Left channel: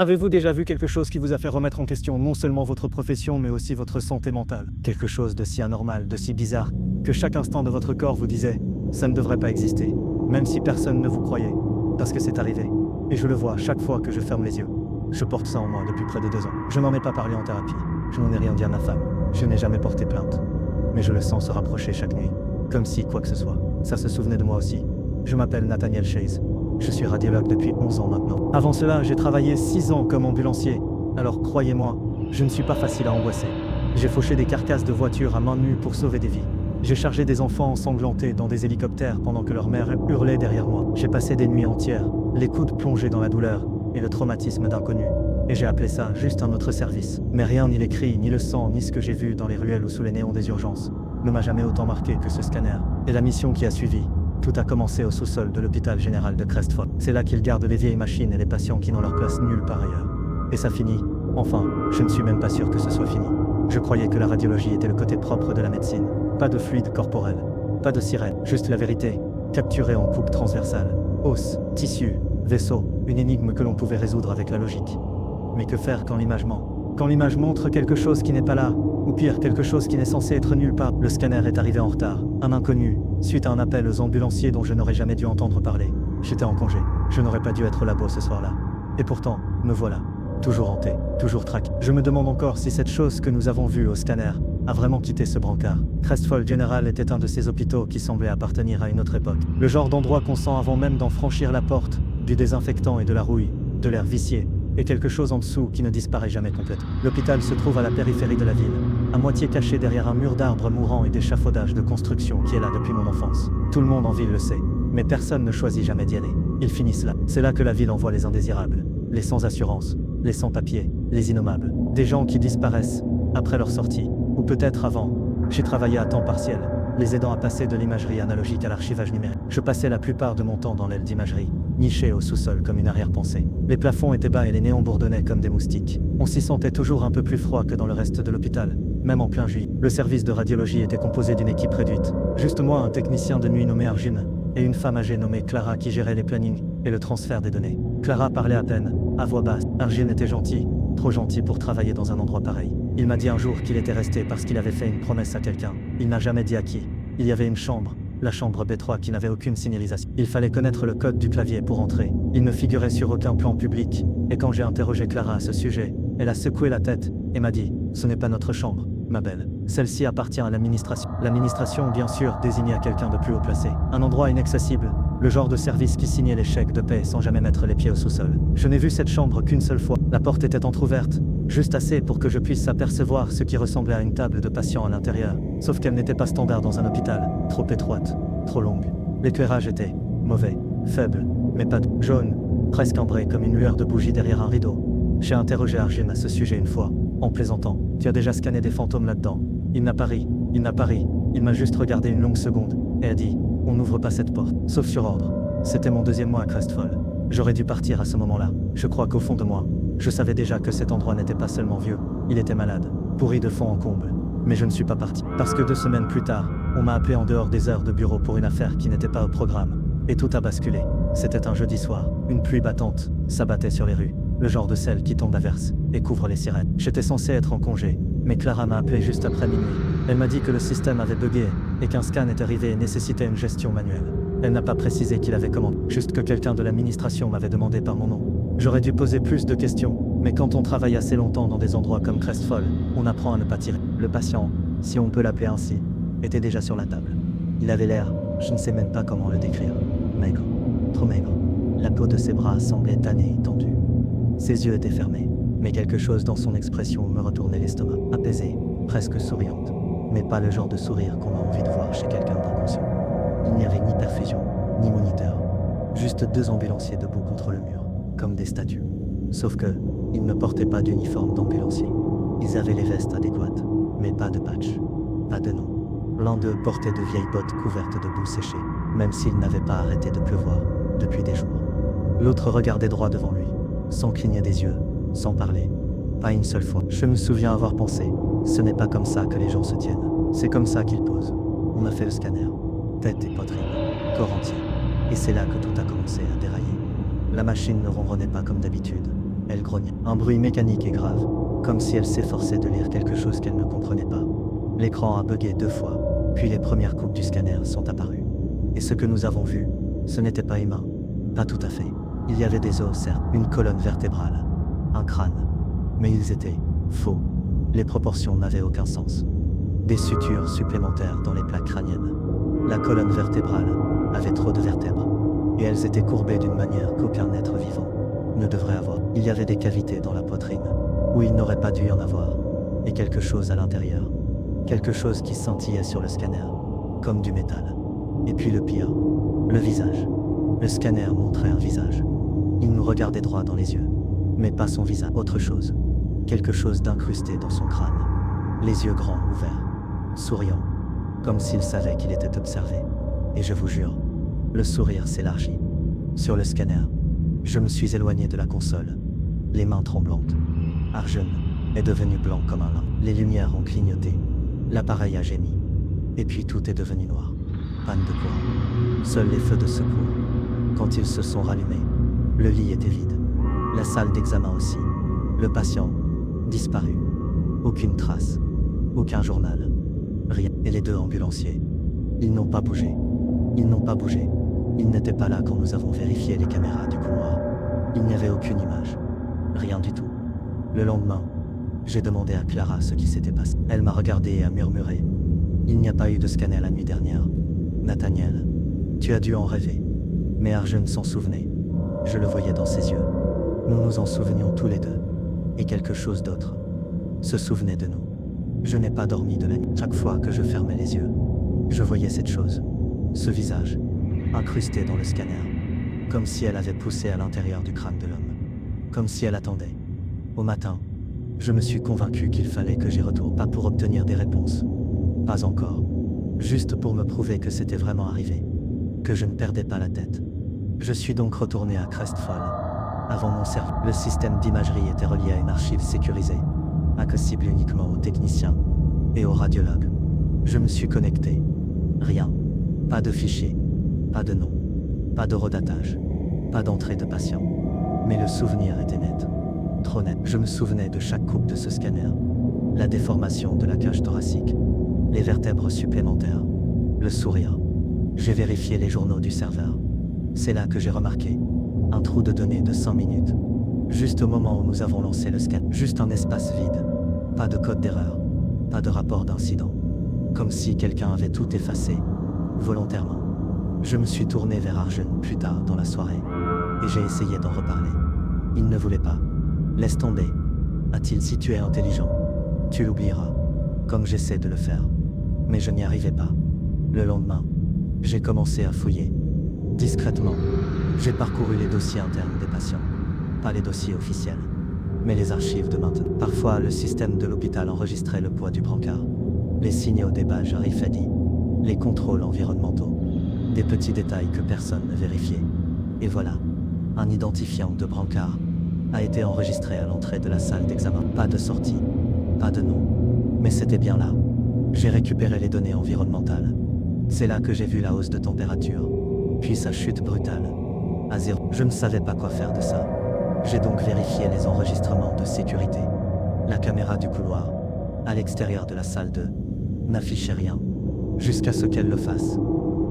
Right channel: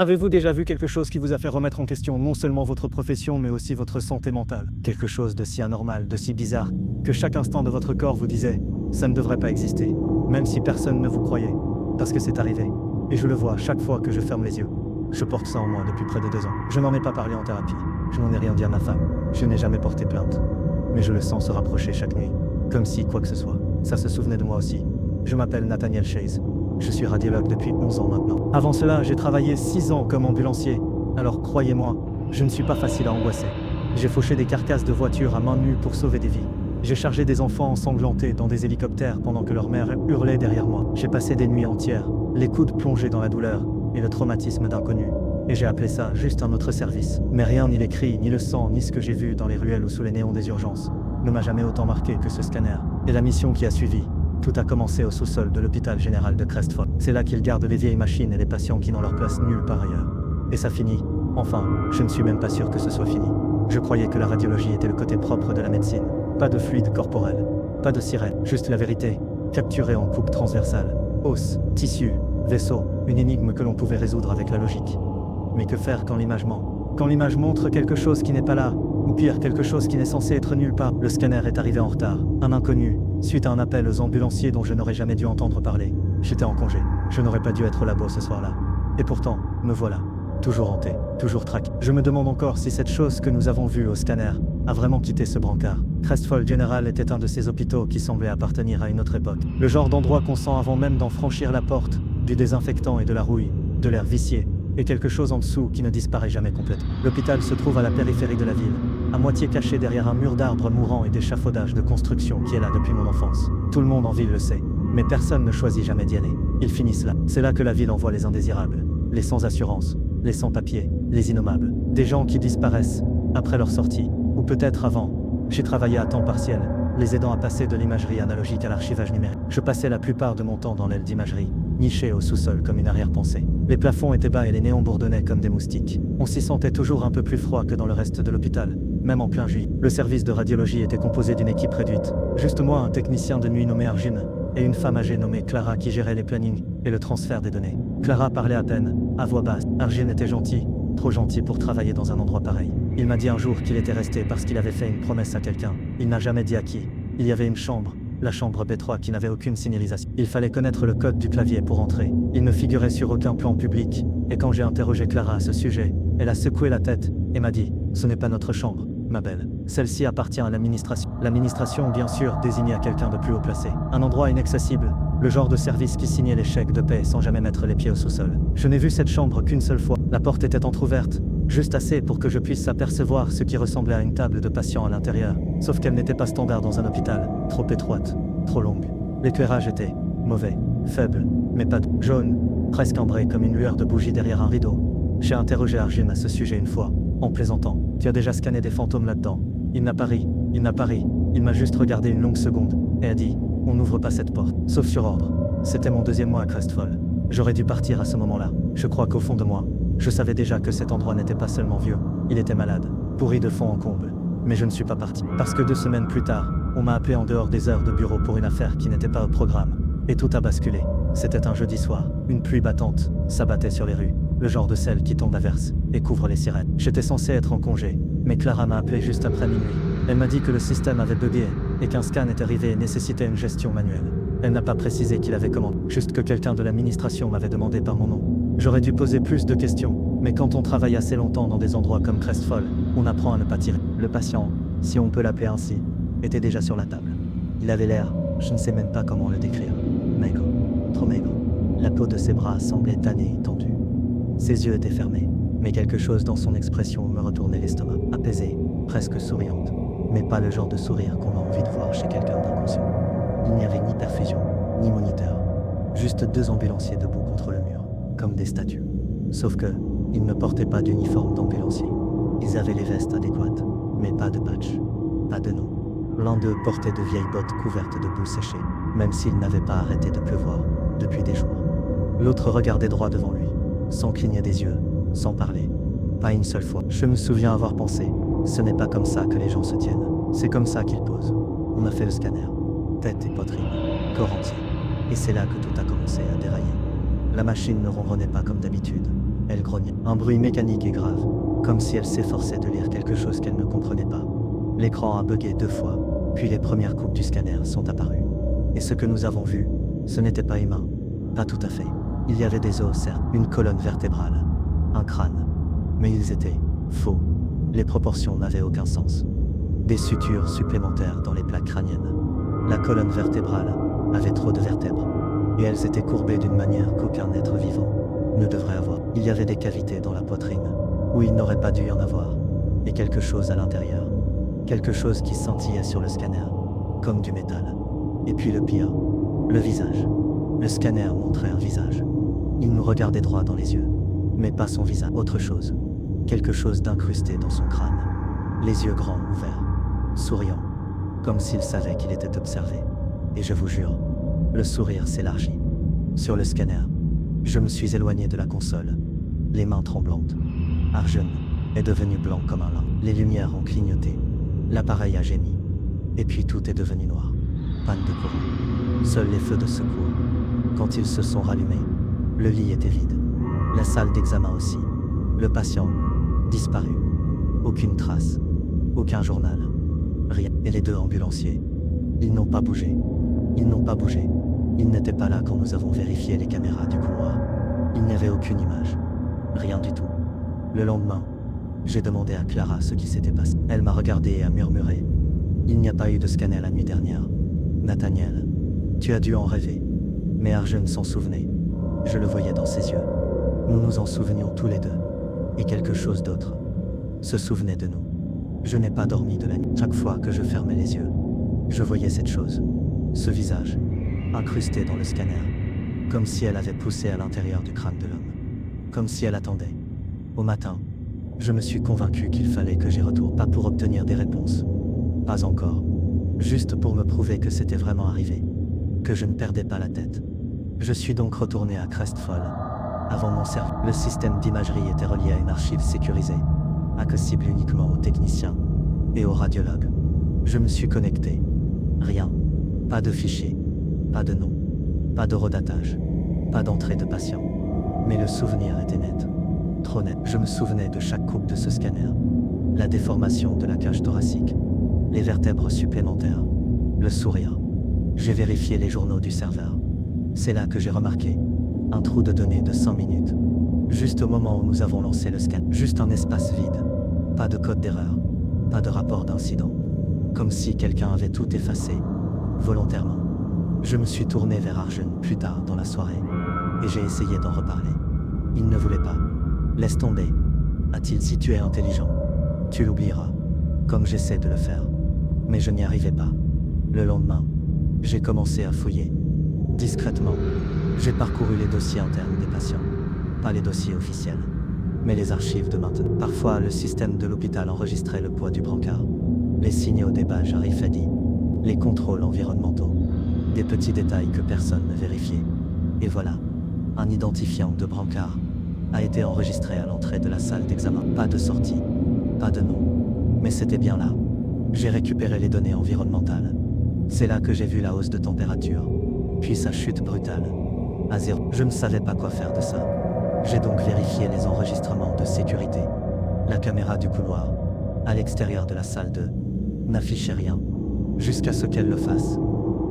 Avez-vous déjà vu quelque chose qui vous a fait remettre en question non seulement votre profession, mais aussi votre santé mentale? Quelque chose de si anormal, de si bizarre, que chaque instant de votre corps vous disait « ça ne devrait pas exister », même si personne ne vous croyait, parce que c'est arrivé. Et je le vois chaque fois que je ferme les yeux. Je porte ça en moi depuis près de 2 ans. Je n'en ai pas parlé en thérapie. Je n'en ai rien dit à ma femme. Je n'ai jamais porté plainte. Mais je le sens se rapprocher chaque nuit. Comme si quoi que ce soit, ça se souvenait de moi aussi. Je m'appelle Nathaniel Chase. Je suis radiologue depuis 11 ans maintenant. Avant cela, j'ai travaillé 6 ans comme ambulancier. Alors croyez-moi, je ne suis pas facile à angoisser. J'ai fauché des carcasses de voitures à main nue pour sauver des vies. J'ai chargé des enfants ensanglantés dans des hélicoptères pendant que leur mère hurlait derrière moi. J'ai passé des nuits entières, les coudes plongés dans la douleur et le traumatisme d'inconnu. Et j'ai appelé ça juste un autre service. Mais rien, ni les cris, ni le sang, ni ce que j'ai vu dans les ruelles ou sous les néons des urgences ne m'a jamais autant marqué que ce scanner. Et la mission qui a suivi. Tout a commencé au sous-sol de l'hôpital général de Crestfold. C'est là qu'ils gardent les vieilles machines et les patients qui n'ont leur place nulle part ailleurs. Et ça finit. Enfin, je ne suis même pas sûr que ce soit fini. Je croyais que la radiologie était le côté propre de la médecine. Pas de fluide corporel, pas de sirène, juste la vérité, capturée en coupe transversale. Os, tissu, vaisseau, une énigme que l'on pouvait résoudre avec la logique. Mais que faire quand l'image ment? Quand l'image montre quelque chose qui n'est pas là, ou pire, quelque chose qui n'est censé être nulle part. Le scanner est arrivé en retard, un inconnu, suite à un appel aux ambulanciers dont je n'aurais jamais dû entendre parler. J'étais en congé, je n'aurais pas dû être là-bas ce soir-là. Et pourtant, me voilà, toujours hanté, toujours traqué. Je me demande encore si cette chose que nous avons vue au scanner a vraiment quitté ce brancard. Crestfold General était un de ces hôpitaux qui semblaient appartenir à une autre époque. Le genre d'endroit qu'on sent avant même d'en franchir la porte, du désinfectant et de la rouille, de l'air vicié, et quelque chose en dessous qui ne disparaît jamais complètement. L'hôpital se trouve à la périphérie de la ville, à moitié caché derrière un mur d'arbres mourants et d'échafaudages de construction qui est là depuis mon enfance. Tout le monde en ville le sait, mais personne ne choisit jamais d'y aller. Ils finissent là. C'est là que la ville envoie les indésirables, les sans assurance, les sans-papiers, les innommables. Des gens qui disparaissent, après leur sortie, ou peut-être avant. J'ai travaillé à temps partiel, les aidant à passer de l'imagerie analogique à l'archivage numérique. Je passais la plupart de mon temps dans l'aile d'imagerie, niché au sous-sol comme une arrière-pensée. Les plafonds étaient bas et les néons bourdonnaient comme des moustiques. On s'y sentait toujours un peu plus froid que dans le reste de l'hôpital, même en plein juillet. Le service de radiologie était composé d'une équipe réduite. Juste moi, un technicien de nuit nommé Arjun, et une femme âgée nommée Clara qui gérait les plannings et le transfert des données. Clara parlait à peine, à voix basse. Arjun était gentil, trop gentil pour travailler dans un endroit pareil. Il m'a dit un jour qu'il était resté parce qu'il avait fait une promesse à quelqu'un. Il n'a jamais dit à qui. Il y avait une chambre, la chambre B3 qui n'avait aucune signalisation. Il fallait connaître le code du clavier pour entrer. Il ne figurait sur aucun plan public, et quand j'ai interrogé Clara à ce sujet, elle a secoué la tête et m'a dit « Ce n'est pas notre chambre, ma belle. Celle-ci appartient à l'administration. » L'administration, bien sûr, désignait à quelqu'un de plus haut placé. Un endroit inaccessible, le genre de service qui signait les chèques de paie sans jamais mettre les pieds au sous-sol. Je n'ai vu cette chambre qu'une seule fois. La porte était entrouverte, juste assez pour que je puisse apercevoir ce qui ressemblait à une table de patient à l'intérieur, sauf qu'elle n'était pas standard dans un hôpital, trop étroite, trop longue. L'éclairage était mauvais, faible, mais pas jaune, presque ambré comme une lueur de bougie derrière un rideau. J'ai interrogé Arjun à ce sujet une fois, en plaisantant. Tu as déjà scanné des fantômes là-dedans? Il n'a pas ri, il m'a juste regardé une longue seconde, et a dit, on n'ouvre pas cette porte, sauf sur ordre. C'était mon 2e mois à Crestfold. J'aurais dû partir à ce moment-là. Je crois qu'au fond de moi, je savais déjà que cet endroit n'était pas seulement vieux, il était malade, pourri de fond en comble. Mais je ne suis pas parti. Parce que 2 semaines plus tard, on m'a appelé en dehors des heures de bureau pour une affaire qui n'était pas au programme. Et tout a basculé. C'était un jeudi soir. Une pluie battante s'abattait sur les rues. Le genre de celle qui tombe à verse et couvre les sirènes. J'étais censé être en congé, mais Clara m'a appelé juste après minuit. Elle m'a dit que le système avait bugué et qu'un scan est arrivé et nécessitait une gestion manuelle. Elle n'a pas précisé qu'il avait commandé, juste que quelqu'un de l'administration m'avait demandé par mon nom. J'aurais dû poser plus de questions, mais quand on travaille assez longtemps dans des endroits comme Crestfold, on apprend à ne pas tirer. Le patient, si on peut l'appeler ainsi, était déjà sur la table. Il avait l'air, je ne sais même pas comment le décrire, maigre, trop maigre. La peau de ses bras semblait tannée et tendue. Ses yeux étaient fermés, mais quelque chose dans son expression me retournait l'estomac, apaisée, presque souriante, mais pas le genre de sourire qu'on a envie de voir chez quelqu'un d'inconscient. Il n'y avait ni perfusion, ni moniteur, juste 2 ambulanciers debout contre le mur, comme des statues. Sauf que, ils ne portaient pas d'uniforme d'ambulancier. Ils avaient les vestes adéquates, mais pas de patch, pas de nom. L'un d'eux portait de vieilles bottes couvertes de boue séchée, même s'il n'avait pas arrêté de pleuvoir depuis des jours. L'autre regardait droit devant lui, sans cligner des yeux, sans parler. Pas une seule fois. Je me souviens avoir pensé, ce n'est pas comme ça que les gens se tiennent. C'est comme ça qu'ils posent. On a fait le scanner. Tête et poitrine, corps entier. Et c'est là que tout a commencé à dérailler. La machine ne ronronnait pas comme d'habitude. Elle grognait. Un bruit mécanique et grave, comme si elle s'efforçait de lire quelque chose qu'elle ne comprenait pas. L'écran a bugué 2 fois, puis les premières coupes du scanner sont apparues. Et ce que nous avons vu, ce n'était pas humain. Pas tout à fait. Il y avait des os, certes, une colonne vertébrale, un crâne. Mais ils étaient faux. Les proportions n'avaient aucun sens. Des sutures supplémentaires dans les plaques crâniennes. La colonne vertébrale avait trop de vertèbres. Et elles étaient courbées d'une manière qu'aucun être vivant ne devrait avoir. Il y avait des cavités dans la poitrine, où il n'aurait pas dû y en avoir. Et quelque chose à l'intérieur. Quelque chose qui scintillait sur le scanner, comme du métal. Et puis le pire, le visage. Le scanner montrait un visage. Il nous regardait droit dans les yeux, mais pas son visage. Autre chose. Quelque chose d'incrusté dans son crâne. Les yeux grands ouverts, souriant, comme s'il savait qu'il était observé. Et je vous jure, le sourire s'élargit. Sur le scanner, je me suis éloigné de la console, les mains tremblantes. Arjun est devenu blanc comme un lin. Les lumières ont clignoté. L'appareil a gémi. Et puis tout est devenu noir. Panne de courant. Seuls les feux de secours. Quand ils se sont rallumés, le lit était vide. La salle d'examen aussi. Le patient, disparu. Aucune trace. Aucun journal. Rien. Et les 2 ambulanciers. Ils n'ont pas bougé. Ils n'ont pas bougé. Ils n'étaient pas là quand nous avons vérifié les caméras du couloir. Il n'y avait aucune image. Rien du tout. Le lendemain, j'ai demandé à Clara ce qui s'était passé. Elle m'a regardé et a murmuré. Il n'y a pas eu de scanner la nuit dernière. Nathaniel, tu as dû en rêver. Mais Arjun s'en souvenait. Je le voyais dans ses yeux. Nous nous en souvenions tous les deux. Et quelque chose d'autre se souvenait de nous. Je n'ai pas dormi de la nuit. Chaque fois que je fermais les yeux, je voyais cette chose. Ce visage, incrusté dans le scanner. Comme si elle avait poussé à l'intérieur du crâne de l'homme. Comme si elle attendait. Au matin, je me suis convaincu qu'il fallait que j'y retourne. Pas pour obtenir des réponses. Pas encore. Juste pour me prouver que c'était vraiment arrivé. Que je ne perdais pas la tête. Je suis donc retourné à Crestfall. Avant mon service, le système d'imagerie était relié à une archive sécurisée, accessible uniquement aux techniciens et aux radiologues. Je me suis connecté. Rien. Pas de fichier. Pas de nom. Pas d'horodatage. Pas d'entrée de patient. Mais le souvenir était net. Trop net. Je me souvenais de chaque coupe de ce scanner. La déformation de la cage thoracique. Les vertèbres supplémentaires. Le sourire. J'ai vérifié les journaux du serveur. C'est là que j'ai remarqué un trou de données de 100 minutes. Juste au moment où nous avons lancé le scan. Juste un espace vide. Pas de code d'erreur. Pas de rapport d'incident. Comme si quelqu'un avait tout effacé. Volontairement. Je me suis tourné vers Arjun plus tard dans la soirée. Et j'ai essayé d'en reparler. Il ne voulait pas. Laisse tomber. A-t-il dit tu es intelligent? Tu l'oublieras. Comme j'essaie de le faire. Mais je n'y arrivais pas. Le lendemain, j'ai commencé à fouiller. Discrètement, j'ai parcouru les dossiers internes des patients. Pas les dossiers officiels, mais les archives de maintenant. Parfois, le système de l'hôpital enregistrait le poids du brancard, les signaux des badges RFID, les contrôles environnementaux, des petits détails que personne ne vérifiait. Et voilà, un identifiant de brancard a été enregistré à l'entrée de la salle d'examen. Pas de sortie, pas de nom, mais c'était bien là. J'ai récupéré les données environnementales. C'est là que j'ai vu la hausse de température, puis sa chute brutale, à 0. Je ne savais pas quoi faire de ça. J'ai donc vérifié les enregistrements de sécurité. La caméra du couloir, à l'extérieur de la salle 2, n'affichait rien, jusqu'à ce qu'elle le fasse.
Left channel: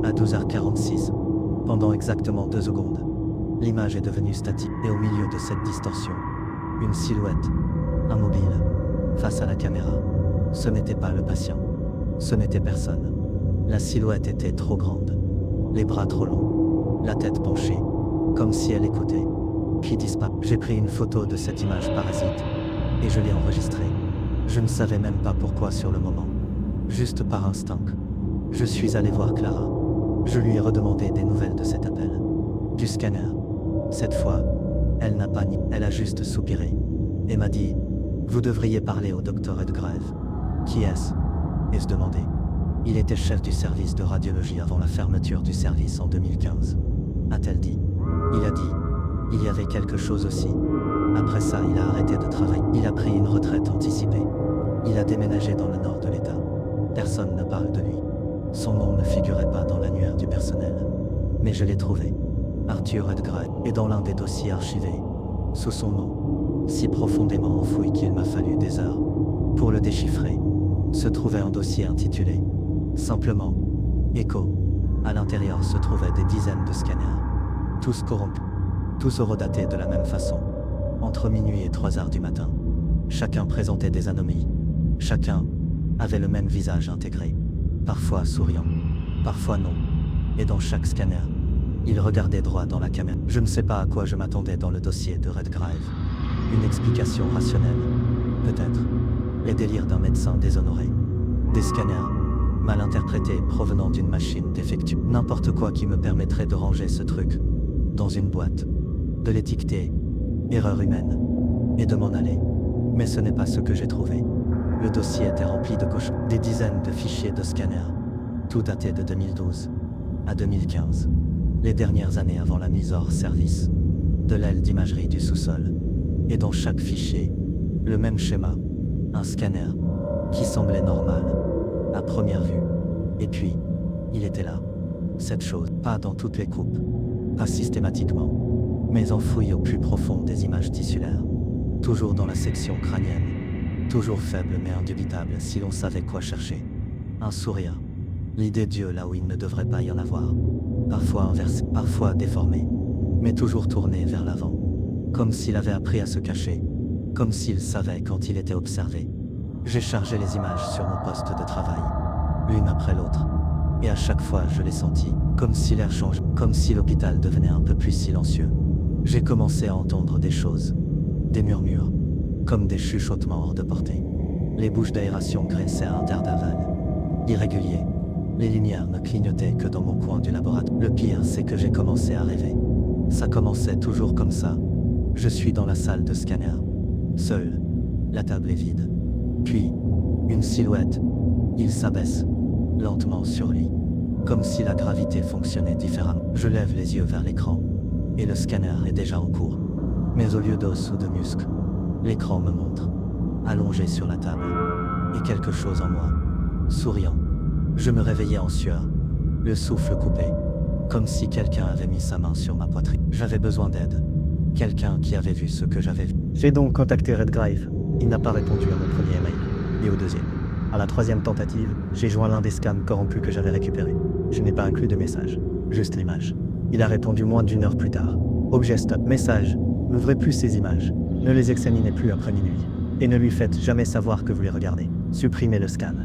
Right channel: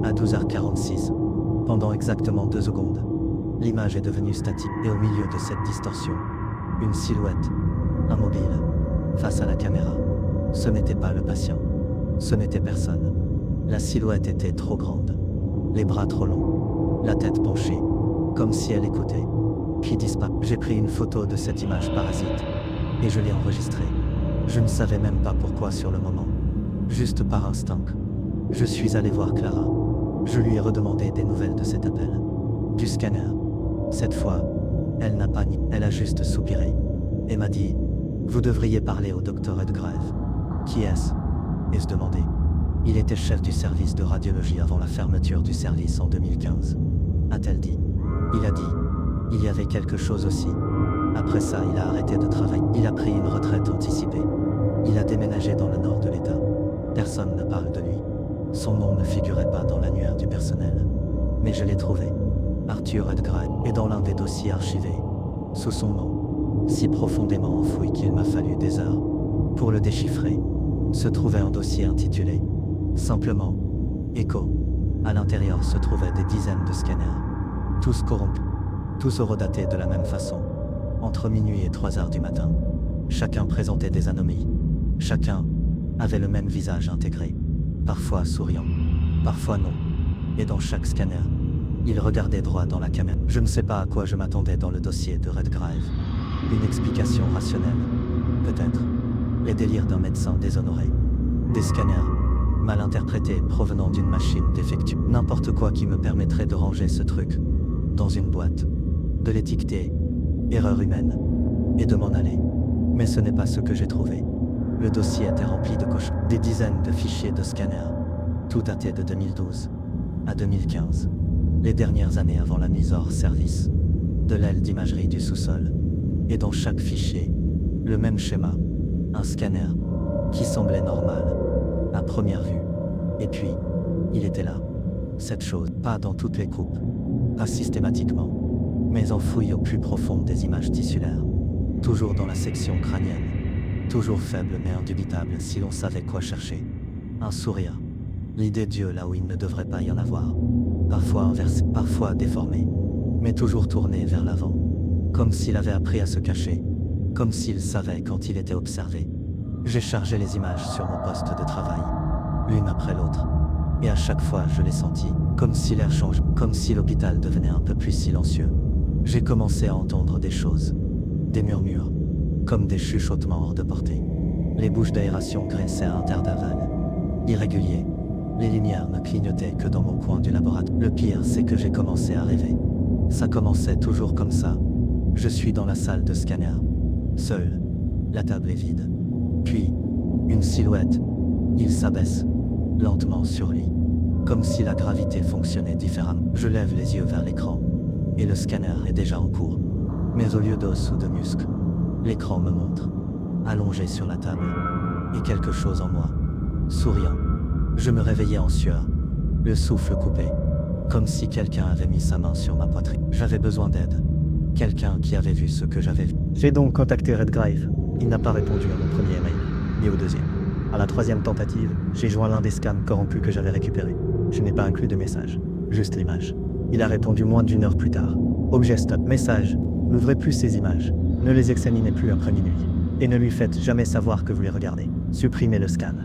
À 12h46, pendant exactement 2 secondes, l'image est devenue statique, et au milieu de cette distorsion, une silhouette, immobile, face à la caméra. Ce n'était pas le patient. Ce n'était personne. La silhouette était trop grande. Les bras trop longs. La tête penchée. Comme si elle écoutait. Puis disparaît. J'ai pris une photo de cette image parasite. Et je l'ai enregistrée. Je ne savais même pas pourquoi sur le moment. Juste par instinct. Je suis allé voir Clara. Je lui ai redemandé des nouvelles de cet appel. Du scanner. Cette fois, elle n'a pas ni. Elle a juste soupiré. Et m'a dit, vous devriez parler au docteur Edgrave. Qui est-ce? Et se demander. Il était chef du service de radiologie avant la fermeture du service en 2015. A-t-elle dit? Il a dit. Il y avait quelque chose aussi. Après ça, il a arrêté de travailler. Il a pris une retraite anticipée. Il a déménagé dans le nord de l'État. Personne ne parle de lui. Son nom ne figurait pas dans l'annuaire du personnel. Mais je l'ai trouvé. Arthur Edgrave. Et dans l'un des dossiers archivés. Sous son nom. si profondément enfoui qu'il m'a fallu des heures pour le déchiffrer, se trouvait un dossier intitulé simplement Echo. À l'intérieur se trouvaient des dizaines de scanners, tous corrompus, tous horodatés de la même façon, entre minuit et 3 heures du matin. Chacun présentait des anomalies, chacun avait le même visage intégré, parfois souriant, parfois non, et dans chaque scanner, il regardait droit dans la caméra. Je ne sais pas à quoi je m'attendais dans le dossier de Redgrave. Une explication rationnelle, peut-être. Les délires d'un médecin déshonoré. Des scanners, mal interprétés provenant d'une machine défectueuse. N'importe quoi qui me permettrait de ranger ce truc dans une boîte, de l'étiqueter erreur humaine, et de m'en aller. Mais ce n'est pas ce que j'ai trouvé. Le dossier était rempli de cochons, des dizaines de fichiers de scanners, tout daté de 2012 à 2015, les dernières années avant la mise hors service de l'aile d'imagerie du sous-sol. Et dans chaque fichier, le même schéma, un scanner qui semblait normal à première vue. Et puis, il était là, cette chose, pas dans toutes les coupes, pas systématiquement, mais enfoui au plus profond des images tissulaires, toujours dans la section crânienne, toujours faible mais indubitable si l'on savait quoi chercher. Un sourire, l'idée Dieu là où il ne devrait pas y en avoir, parfois inversé, parfois déformé, mais toujours tourné vers l'avant, comme s'il avait appris à se cacher, comme s'il savait quand il était observé. J'ai chargé les images sur mon poste de travail, l'une après l'autre, et à chaque fois je l'ai senti, comme si l'air changeait, comme si l'hôpital devenait un peu plus silencieux. J'ai commencé à entendre des choses, des murmures, comme des chuchotements hors de portée. Les bouches d'aération graissaient à intervalles irréguliers. Les lumières ne clignotaient que dans mon coin du laboratoire. Le pire, c'est que j'ai commencé à rêver. Ça commençait toujours comme ça. Je suis dans la salle de scanner, seul. La table est vide. Puis, une silhouette. Il s'abaisse, lentement sur lui, comme si la gravité fonctionnait différemment. Je lève les yeux vers l'écran, et le scanner est déjà en cours. Mais au lieu d'os ou de muscles, l'écran me montre, allongé sur la table, et quelque chose en moi, souriant. Je me réveillais en sueur, le souffle coupé, comme si quelqu'un avait mis sa main sur ma poitrine. J'avais besoin d'aide, quelqu'un qui avait vu ce que j'avais vu. J'ai donc contacté Redgrave. Il n'a pas répondu à mon premier email, ni au deuxième. À la troisième tentative, j'ai joint l'un des scans corrompus que j'avais récupérés. Je n'ai pas inclus de message, juste l'image. Il a répondu moins d'une heure plus tard. Objet stop. Message. N'ouvrez plus ces images. Ne les examinez plus après minuit. Et ne lui faites jamais savoir que vous les regardez. Supprimez le scan.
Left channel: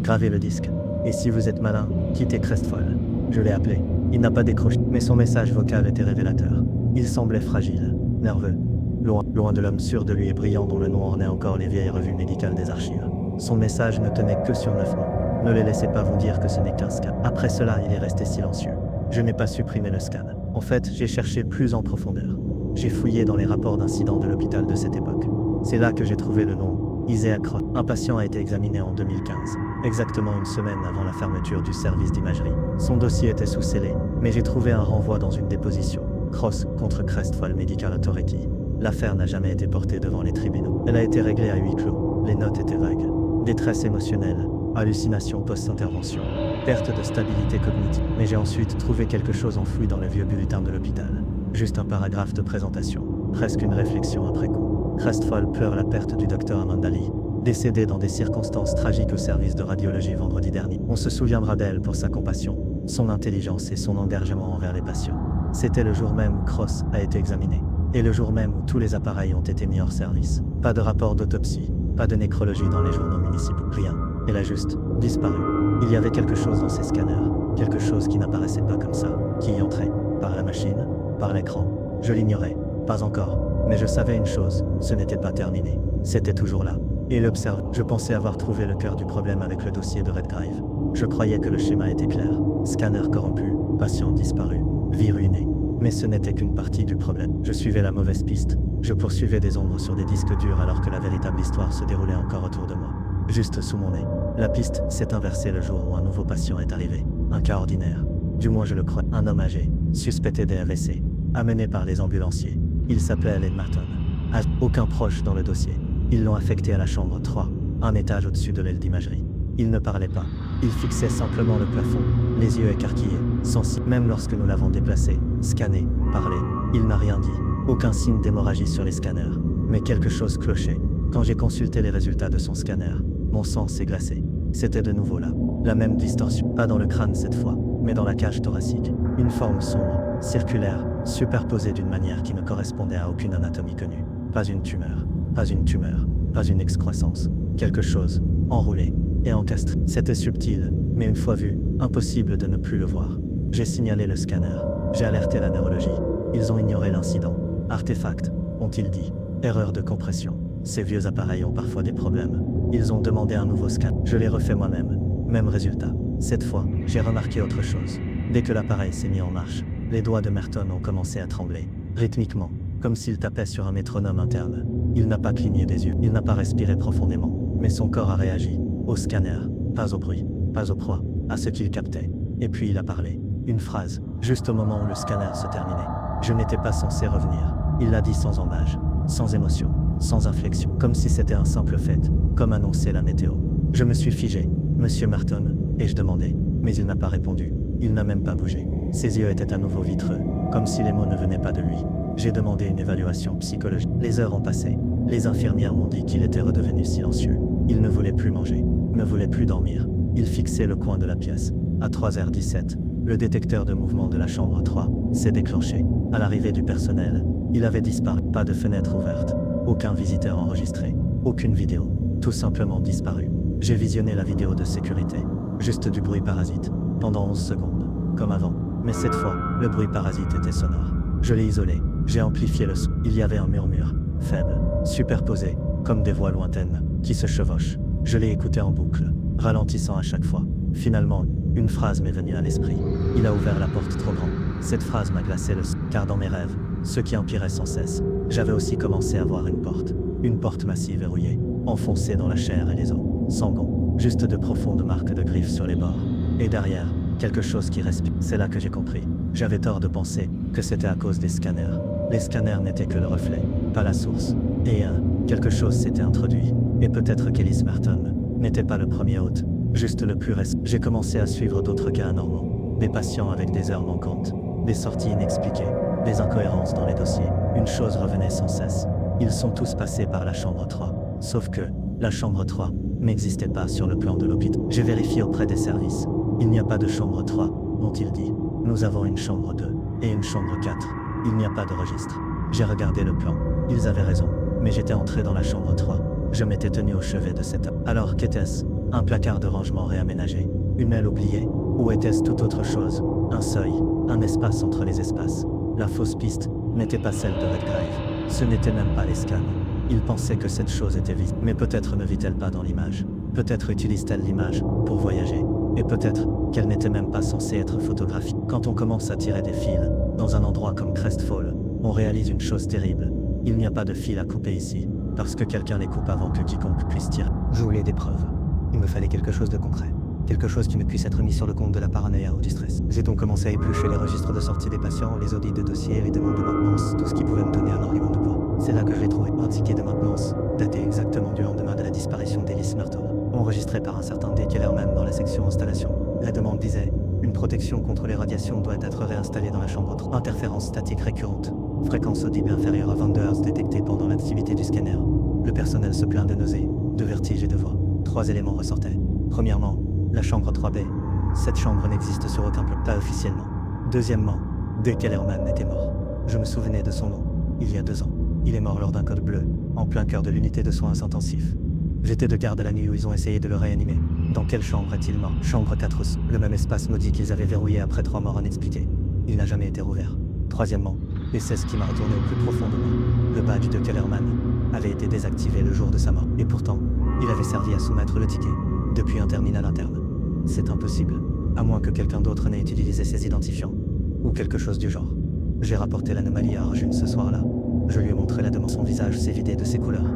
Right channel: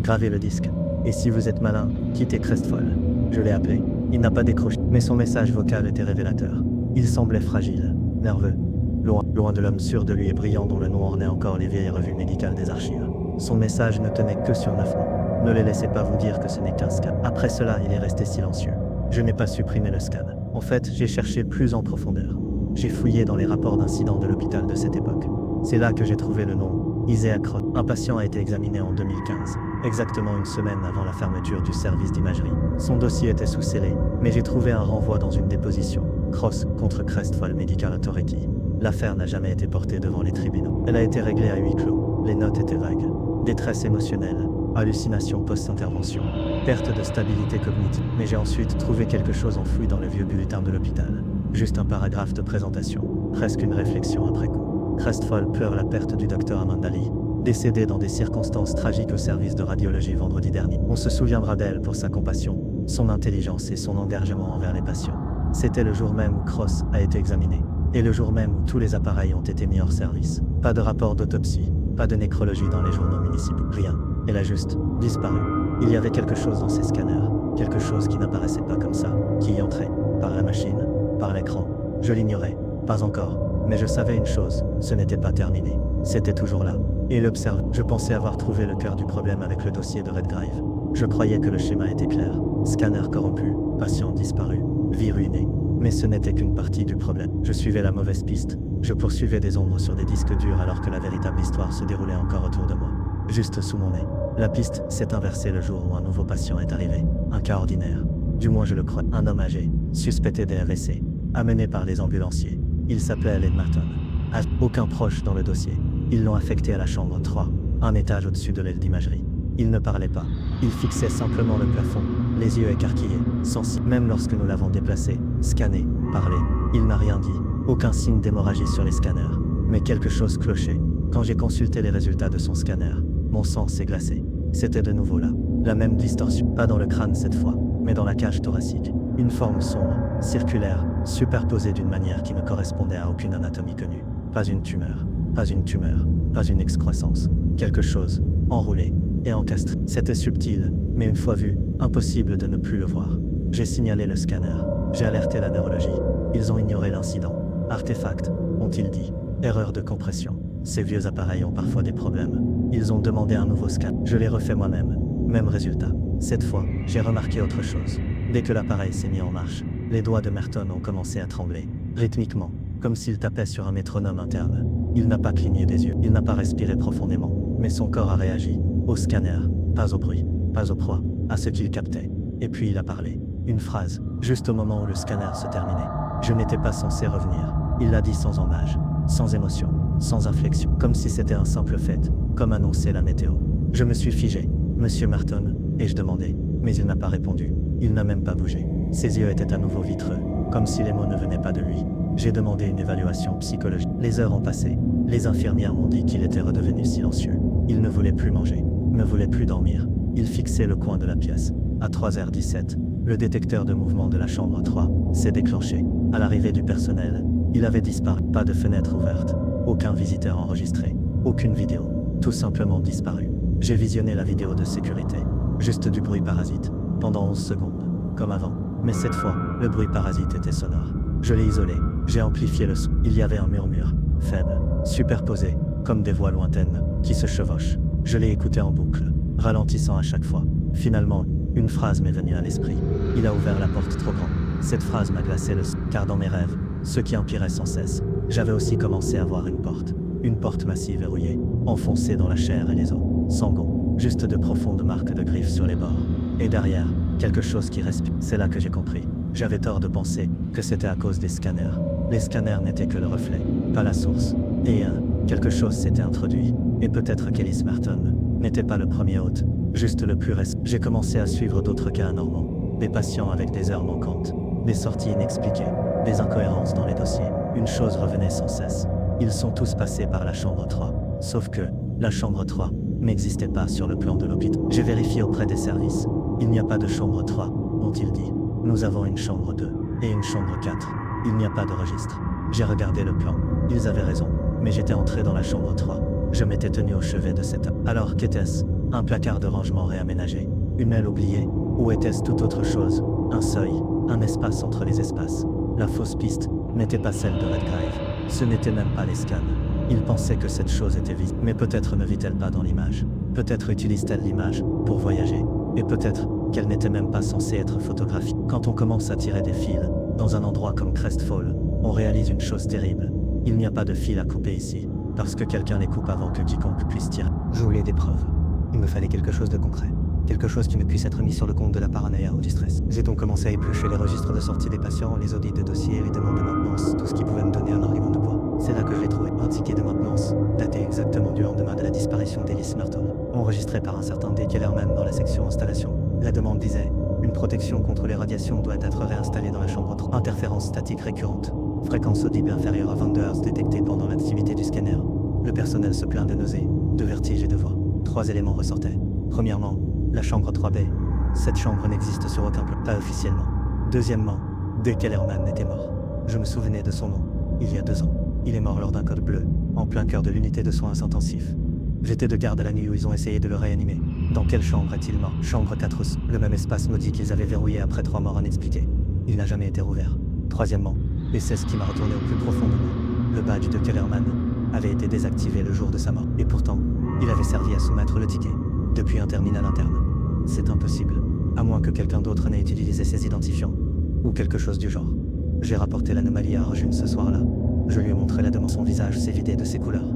Gravez le disque. Et si vous êtes malin, quittez Crestfall. Je l'ai appelé. Il n'a pas décroché. Mais son message vocal était révélateur. Il semblait fragile, nerveux. Loin de l'homme sûr de lui et brillant dont le nom ornait encore les vieilles revues médicales des archives. Son message ne tenait que sur 9 mots. Ne les laissez pas vous dire que ce n'est qu'un scan. Après cela, il est resté silencieux. Je n'ai pas supprimé le scan. En fait, j'ai cherché plus en profondeur. J'ai fouillé dans les rapports d'incidents de l'hôpital de cette époque. C'est là que j'ai trouvé le nom, Isaiah Cross. Un patient a été examiné en 2015, exactement une semaine avant la fermeture du service d'imagerie. Son dossier était sous scellé, mais j'ai trouvé un renvoi dans une déposition. Cross contre Crestfall Medical Authority. L'affaire n'a jamais été portée devant les tribunaux. Elle a été réglée à huis clos. Les notes étaient vagues. Détresse émotionnelle, hallucination post-intervention, perte de stabilité cognitive. Mais j'ai ensuite trouvé quelque chose enfoui dans le vieux bulletin de l'hôpital. Juste un paragraphe de présentation, presque une réflexion après coup. Crestfall pleure la perte du docteur Amanda Lee, décédée dans des circonstances tragiques au service de radiologie vendredi dernier. On se souviendra d'elle pour sa compassion, son intelligence et son engagement envers les patients. C'était le jour même où Cross a été examiné, et le jour même où tous les appareils ont été mis hors service. Pas de rapport d'autopsie, pas de nécrologie dans les journaux municipaux, rien. Elle a juste disparu. Il y avait quelque chose dans ces scanners, quelque chose qui n'apparaissait pas comme ça, qui y entrait, par la machine, par l'écran. Je l'ignorais, pas encore, mais je savais une chose, ce n'était pas terminé. C'était toujours là. Et l'observe. Je pensais avoir trouvé le cœur du problème avec le dossier de Redgrave. Je croyais que le schéma était clair. Scanner corrompu, patient disparu, vie ruinée. Mais ce n'était qu'une partie du problème. Je suivais la mauvaise piste. Je poursuivais des ombres sur des disques durs alors que la véritable histoire se déroulait encore autour de moi. Juste sous mon nez. La piste s'est inversée le jour où un nouveau patient est arrivé. Un cas ordinaire. Du moins je le crois. Un homme âgé, suspecté d'AVC, amené par les ambulanciers. Il s'appelait Len Martin. Aucun proche dans le dossier. Ils l'ont affecté à la chambre 3, un étage au-dessus de l'aile d'imagerie. Il ne parlait pas. Il fixait simplement le plafond, les yeux écarquillés, sensible. Même lorsque nous l'avons déplacé, scanné, parlé, il n'a rien dit. Aucun signe d'hémorragie sur les scanners. Mais quelque chose clochait. Quand j'ai consulté les résultats de son scanner, mon sang s'est glacé. C'était de nouveau là. La même distorsion. Pas dans le crâne cette fois, mais dans la cage thoracique. Une forme sombre, circulaire, superposée d'une manière qui ne correspondait à aucune anatomie connue. Pas une tumeur, pas une tumeur, pas une excroissance. Quelque chose, enroulé et encastré. C'était subtil, mais une fois vu, impossible de ne plus le voir. J'ai signalé le scanner. J'ai alerté la neurologie. Ils ont ignoré l'incident. Artefact, ont-ils dit. Erreur de compression. Ces vieux appareils ont parfois des problèmes. Ils ont demandé un nouveau scan. Je l'ai refait moi-même. Même résultat. Cette fois, j'ai remarqué autre chose. Dès que l'appareil s'est mis en marche, les doigts de Merton ont commencé à trembler, rythmiquement, comme s'il tapait sur un métronome interne. Il n'a pas cligné des yeux, il n'a pas respiré profondément, mais son corps a réagi. Au scanner, pas au bruit, pas aux proies, à ce qu'il captait. Et puis il a parlé. Une phrase, juste au moment où le scanner se terminait. Je n'étais pas censé revenir. Il l'a dit sans embâche, sans émotion, sans inflexion, comme si c'était un simple fait, comme annonçait la météo. Je me suis figé. Monsieur Merton, ai-je demandé, mais il n'a pas répondu. Il n'a même pas bougé. Ses yeux étaient à nouveau vitreux, comme si les mots ne venaient pas de lui. J'ai demandé une évaluation psychologique. Les heures ont passé. Les infirmières m'ont dit qu'il était redevenu silencieux. Il ne voulait plus manger, ne voulait plus dormir. Il fixait le coin de la pièce. À 3h17, le détecteur de mouvement de la chambre 3 s'est déclenché. À l'arrivée du personnel, il avait disparu. Pas de fenêtre ouverte, aucun visiteur enregistré, aucune vidéo, tout simplement disparu. J'ai visionné la vidéo de sécurité. Juste du bruit parasite, pendant 11 secondes, comme avant. Mais cette fois, le bruit parasite était sonore. Je l'ai isolé, j'ai amplifié le son. Il y avait un murmure, faible, superposé, comme des voix lointaines, qui se chevauchent. Je l'ai écouté en boucle, ralentissant à chaque fois. Finalement, une phrase m'est venue à l'esprit. Il a ouvert la porte trop grand. Cette phrase m'a glacé le sang, car dans mes rêves, ce qui empirait sans cesse, j'avais aussi commencé à voir une porte massive verrouillée, enfoncée dans la chair et les os, sans gonds, juste de profondes marques de griffes sur les bords. Et derrière, quelque chose qui respire. C'est là que j'ai compris. J'avais tort de penser que c'était à cause des scanners. Les scanners n'étaient que le reflet, pas la source. Et quelque chose s'était introduit. Et peut-être qu'Ellis Merton n'était pas le premier hôte, juste le plus récent. J'ai commencé à suivre d'autres cas anormaux. Des patients avec des heures manquantes, des sorties inexpliquées, des incohérences dans les dossiers. Une chose revenait sans cesse. Ils sont tous passés par la chambre 3. Sauf que, la chambre 3 n'existait pas sur le plan de l'hôpital. J'ai vérifié auprès des services. Il n'y a pas de chambre 3, ont-ils dit. Nous avons une chambre 2 et une chambre 4. Il n'y a pas de registre. J'ai regardé le plan. Ils avaient raison. Mais j'étais entré dans la chambre 3. Je m'étais tenu au chevet de cette. Alors qu'était-ce? Un placard de rangement réaménagé? Une aile oubliée? Ou était-ce tout autre chose? Un seuil? Un espace entre les espaces? La fausse piste n'était pas celle de Redgrave. Ce n'était même pas les scans. Il pensait que cette chose était visible. Mais peut-être ne vit-elle pas dans l'image. Peut-être utilise-t-elle l'image pour voyager. Et peut-être qu'elle n'était même pas censée être photographiée. Quand on commence à tirer des fils, dans un endroit comme Crestfall, on réalise une chose terrible. Il n'y a pas de fil à couper ici, parce que quelqu'un les coupe avant que quiconque puisse tirer. Je voulais des preuves. Il me fallait quelque chose de concret. Quelque chose qui ne puisse être mis sur le compte de la paranoïa ou du stress. J'ai donc commencé à éplucher les registres de sortie des patients, les audits de dossiers, les demandes de maintenance, tout ce qui pouvait me donner un argument de poids. C'est là que je l'ai trouvé. Un ticket de maintenance, daté exactement du lendemain de la disparition d'Ellis Merton, enregistré par un certain D. Kellerman dans la section installation. La demande disait « Une protection contre les radiations doit être réinstallée dans la chambre 3. Interférence statique récurrente. Fréquence audible inférieure à 22 Hz détectée pendant l'activité du scanner. Le personnel se plaint de nausées, de vertiges et de voix. 3 éléments ressortaient. Premièrement, la chambre 3B. Cette chambre n'existe sur aucun plan, pas officiellement. Deuxièmement, D. Kellerman était mort. Je me souvenais de son nom, il y a 2 ans. Il est mort lors d'un code bleu, en plein cœur de l'unité de soins intensifs. J'étais de garde la nuit où ils ont essayé de le réanimer. Dans quelle chambre est-il mort? Chambre 4, le même espace maudit qu'ils avaient verrouillé après 3 morts inexpliquées. Il n'a jamais été rouvert. Troisièmement, et c'est ce qui m'a retourné au plus profond de moi. Le badge de Kellerman avait été désactivé le jour de sa mort. Et pourtant, il avait servi à soumettre le ticket, depuis un terminal interne. C'est impossible, à moins que quelqu'un d'autre n'ait utilisé ses identifiants, ou quelque chose du genre. J'ai rapporté l'anomalie à Arjun ce soir-là. Je lui ai montré la demande. Son visage s'est vidé de ses couleurs.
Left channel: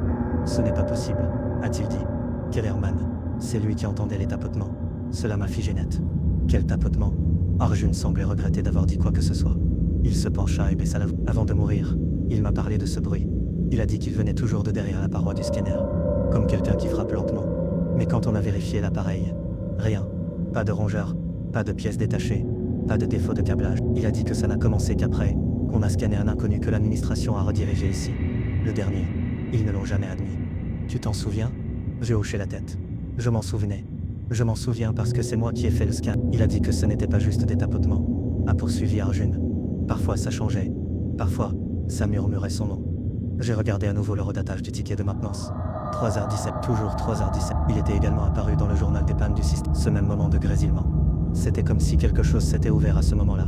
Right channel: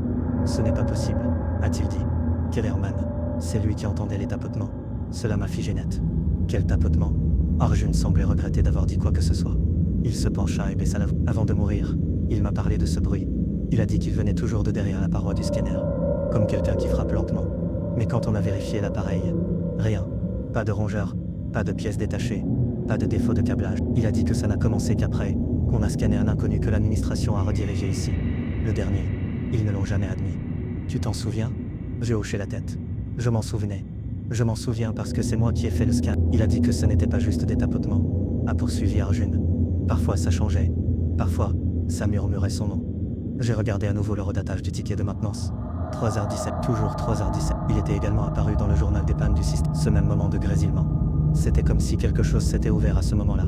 Ce n'est pas possible, a-t-il dit. Kellerman, c'est lui qui entendait les tapotements. Cela m'a figé net. Quel tapotement? Arjun semblait regretter d'avoir dit quoi que ce soit. Il se pencha et baissa la voix. Avant de mourir, il m'a parlé de ce bruit. Il a dit qu'il venait toujours de derrière la paroi du scanner, comme quelqu'un qui frappe lentement. Mais quand on a vérifié l'appareil, rien. Pas de rongeur, pas de pièces détachées, pas de défaut de câblage. Il a dit que ça n'a commencé qu'après qu'on a scanné un inconnu que l'administration a redirigé ici. Le dernier. Ils ne l'ont jamais admis. Tu t'en souviens? J'ai hoché la tête. Je m'en souvenais. Je m'en souviens parce que c'est moi qui ai fait le scan. Il a dit que ce n'était pas juste des tapotements, a poursuivi Arjun. Parfois ça changeait. Parfois, ça murmurait son nom. J'ai regardé à nouveau le redatage du ticket de maintenance. 3h17, toujours 3h17. Il était également apparu dans le journal des pannes du système. Ce même moment de grésillement. C'était comme si quelque chose s'était ouvert à ce moment-là.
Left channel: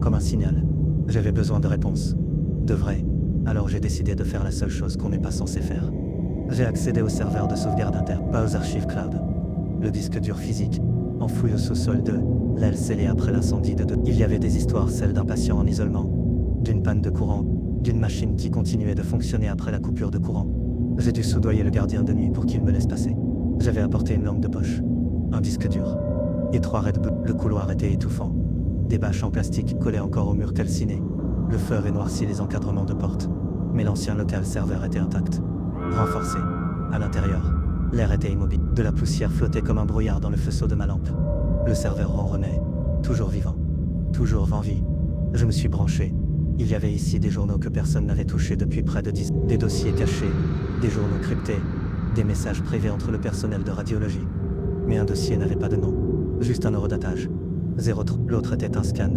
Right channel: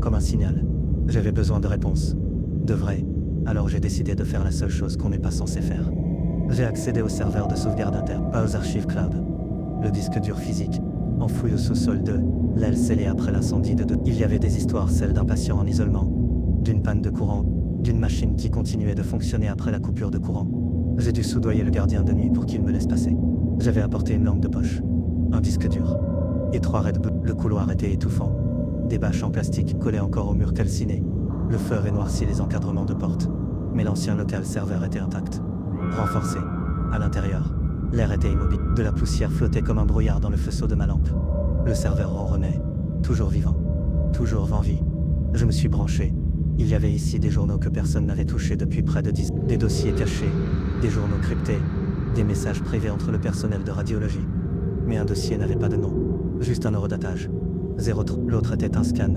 Comme un signal. J'avais besoin de réponses. De vraies. Alors j'ai décidé de faire la seule chose qu'on n'est pas censé faire. J'ai accédé au serveur de sauvegarde interne, pas aux archives cloud. Le disque dur physique, enfoui au sous-sol de l'aile scellée après l'incendie de 2. Il y avait des histoires, celles d'un patient en isolement, d'une panne de courant, d'une machine qui continuait de fonctionner après la coupure de courant. J'ai dû soudoyer le gardien de nuit pour qu'il me laisse passer. J'avais apporté une lampe de poche, un disque dur, et 3 Red Bull. Le couloir était étouffant. Des bâches en plastique collaient encore au mur calciné. Le feu avait noirci les encadrements de porte, mais l'ancien local serveur était intact. Renforcé. À l'intérieur, l'air était immobile. De la poussière flottait comme un brouillard dans le faisceau de ma lampe. Le serveur ronronnait, toujours vivant, toujours en vie. Je me suis branché. Il y avait ici des journaux que personne n'avait touchés depuis près de 10 ans. Des dossiers cachés, des journaux cryptés, des messages privés entre le personnel de radiologie. Mais un dossier n'avait pas de nom, juste un horodatage. 03. L'autre était un scan,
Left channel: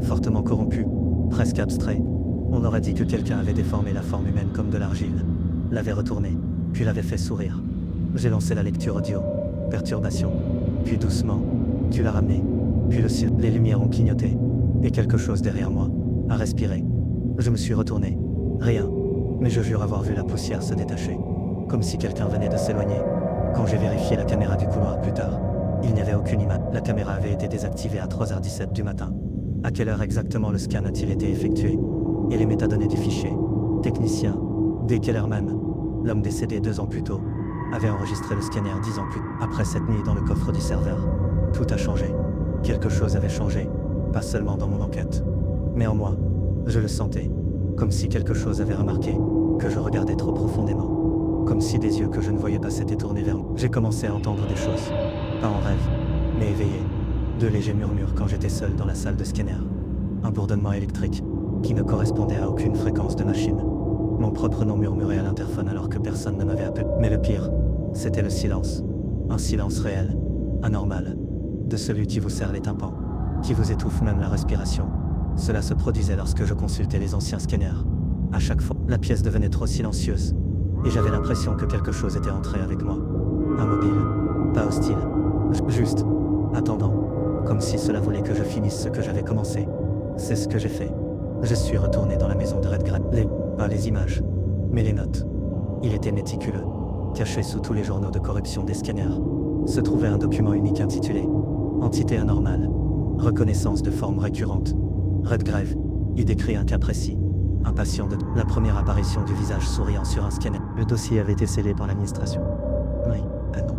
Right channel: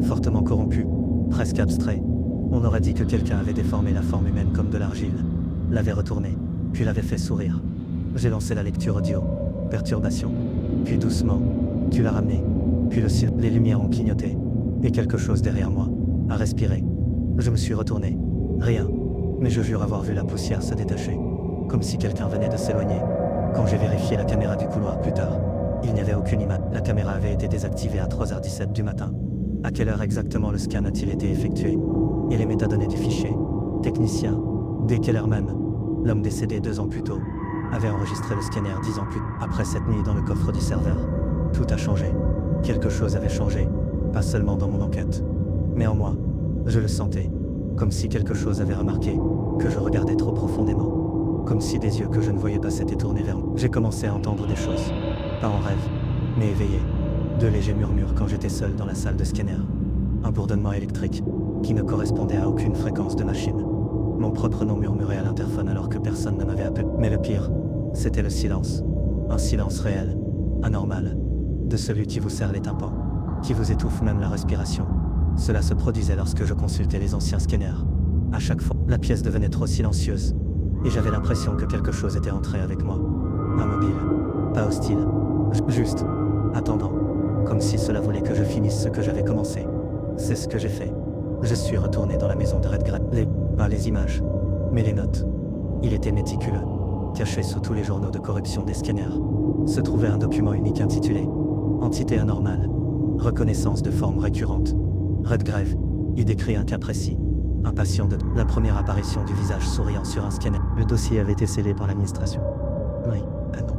fortement corrompu, presque abstrait. On aurait dit que quelqu'un avait déformé la forme humaine comme de l'argile, l'avait retourné, puis l'avait fait sourire. J'ai lancé la lecture audio, perturbation, puis doucement, tu l'as ramené, puis les lumières ont clignoté, et quelque chose derrière moi a respiré. Je me suis retourné, rien, mais je jure avoir vu la poussière se détacher, comme si quelqu'un venait de s'éloigner. Quand j'ai vérifié la caméra du couloir plus tard, il n'y avait aucune image. La caméra avait été désactivée à 3h17 du matin. À quelle heure exactement le scan a-t-il été effectué? Et les métadonnées du fichier? Technicien, D. Kellerman, l'homme décédé 2 ans plus tôt, avait enregistré le scanner 10 ans plus tôt. Après cette nuit dans le coffre du serveur, tout a changé. Quelque chose avait changé, pas seulement dans mon enquête, mais en moi. Je le sentais, comme si quelque chose avait remarqué, que je regardais trop profondément. Comme si des yeux que je ne voyais pas s'étaient tournés vers moi. J'ai commencé à entendre des choses, pas en rêve, mais éveillé. De légers murmures quand j'étais seul dans la salle de scanner. Un bourdonnement électrique, qui ne correspondait à aucune fréquence de machine. Mon propre nom murmurait à l'interphone alors que personne ne m'avait appelé. Mais le pire, c'était le silence. Un silence réel, anormal, de celui qui vous serre les tympans, qui vous étouffe même la respiration. Cela se produisait lorsque je consultais les anciens scanners. À chaque fois, la pièce devenait trop silencieuse, et j'avais l'impression que quelque chose était entré avec moi. Immobile, pas hostile, juste, attendant, comme si cela voulait que je finisse ce que j'avais commencé. C'est ce que j'ai fait. Je suis retourné dans la maison de Redgrave. Pas les images, mais les notes. Il était méticuleux. Caché sous tous les journaux de corruption des scanners, se trouvait un document unique intitulé « Entité anormale. Reconnaissance de forme récurrente. Redgrave. Il décrit un cas précis. Un patient de la première apparition du visage souriant sur un scanner. Le dossier avait été scellé par l'administration. Oui, non.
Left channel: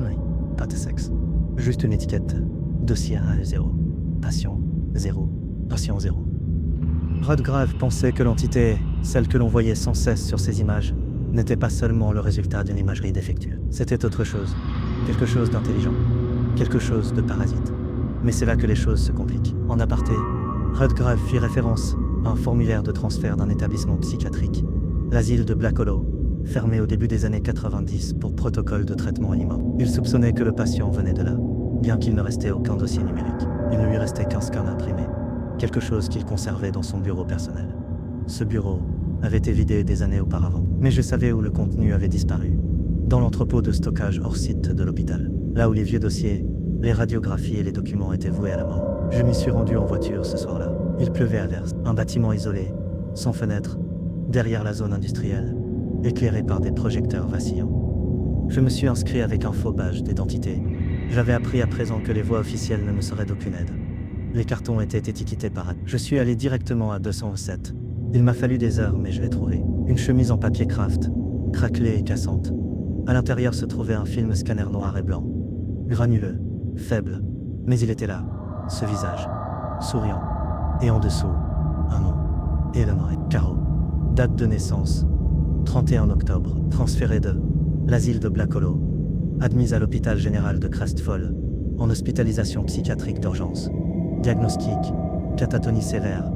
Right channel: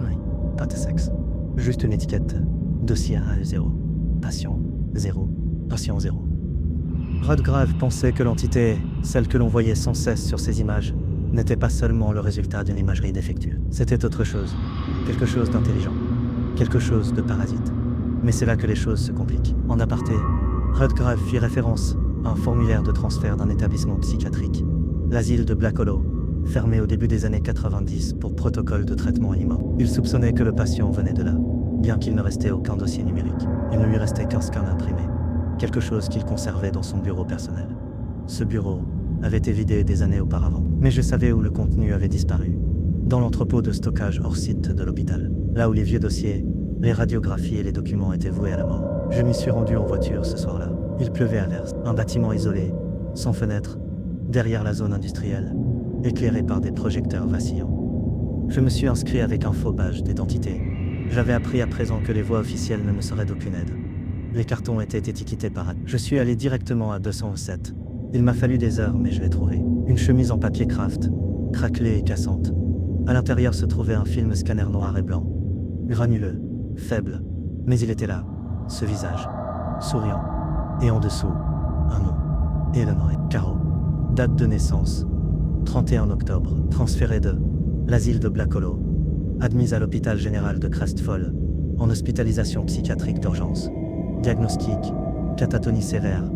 Oui, pas de sexe. Juste une étiquette. Dossier A0. Patient 0. Patient 0. Redgrave pensait que l'entité, celle que l'on voyait sans cesse sur ces images, n'était pas seulement le résultat d'une imagerie défectueuse. C'était autre chose. Quelque chose d'intelligent. Quelque chose de parasite. Mais c'est là que les choses se compliquent. En aparté, Redgrave fit référence à un formulaire de transfert d'un établissement psychiatrique, l'asile de Black Hollow, fermé au début des années 90 pour protocole de traitement animal. Il soupçonnait que le patient venait de là, bien qu'il ne restait aucun dossier numérique. Il ne lui restait qu'un scan imprimé, quelque chose qu'il conservait dans son bureau personnel. Ce bureau avait été vidé des années auparavant, mais je savais où le contenu avait disparu, dans l'entrepôt de stockage hors site de l'hôpital, là où les vieux dossiers, les radiographies et les documents étaient voués à la mort. Je m'y suis rendu en voiture ce soir-là. Il pleuvait à verse. Un bâtiment isolé, sans fenêtre, derrière la zone industrielle, éclairé par des projecteurs vacillants. Je me suis inscrit avec un faux badge d'identité. J'avais appris à présent que les voies officielles ne me seraient d'aucune aide. Les cartons étaient étiquetés par ad. Je suis allé directement à 207. Il m'a fallu des heures, mais je l'ai trouvé. Une chemise en papier craft, craquelée et cassante. À l'intérieur se trouvait un film scanner noir et blanc. Granuleux, faible, mais il était là, ce visage, souriant. Et en dessous, un nom. Eleanor Caro. Date de naissance, 31 octobre. Transférée de l'asile de Black Hollow. Admise à l'hôpital général de Crestfall, en hospitalisation psychiatrique d'urgence. Diagnostic, catatonie sévère,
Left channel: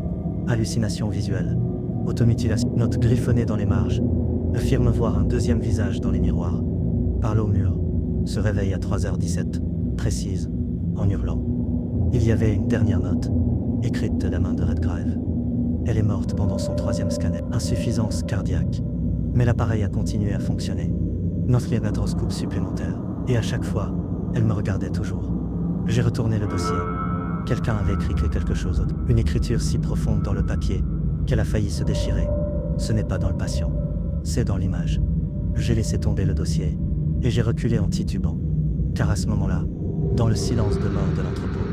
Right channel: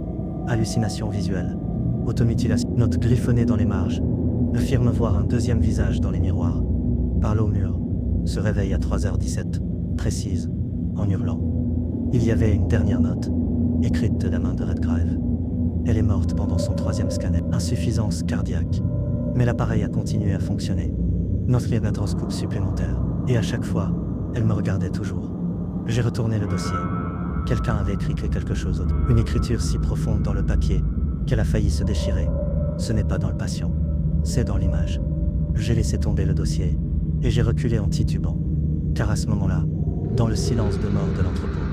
hallucination visuelle, automutilation, note griffonnée dans les marges, Affirme voir un deuxième visage dans les miroirs. Parle au mur. Se réveille à 3h17, précise, en hurlant. Il y avait une dernière note, écrite de la main de Redgrave. Elle est morte pendant son 3e scanner. Insuffisance cardiaque. Mais l'appareil a continué à fonctionner. Notre magnétoscope supplémentaire. Et à chaque fois, elle me regardait toujours. J'ai retourné le dossier. Quelqu'un avait écrit quelque chose d'autre. Une écriture si profonde dans le papier qu'elle a failli se déchirer. Ce n'est pas dans le patient, c'est dans l'image. J'ai laissé tomber le dossier et j'ai reculé en titubant. Car à ce moment-là, dans le silence de mort de l'entrepôt,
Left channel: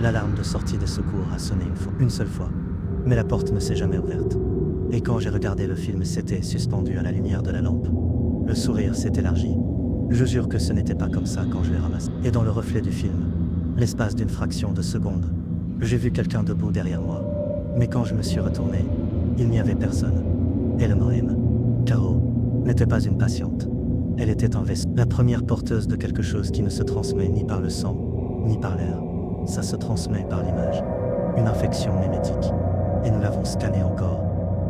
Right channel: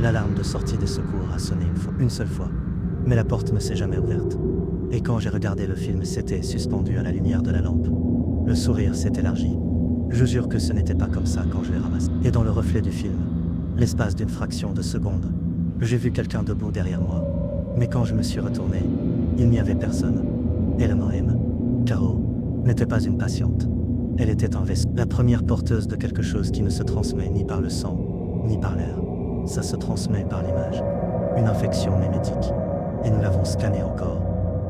l'alarme de sortie des secours a sonné une seule fois. Mais la porte ne s'est jamais ouverte. Et quand j'ai regardé le film, c'était suspendu à la lumière de la lampe. Le sourire s'est élargi. Je jure que ce n'était pas comme ça quand je l'ai ramassé. Et dans le reflet du film, l'espace d'une fraction de seconde, j'ai vu quelqu'un debout derrière moi. Mais quand je me suis retourné, il n'y avait personne. Eleanor M. Caro n'était pas une patiente. Elle était un vaisseau. La première porteuse de quelque chose qui ne se transmet ni par le sang, ni par l'air. Ça se transmet par l'image. Une infection mémétique. Et nous l'avons scanné encore,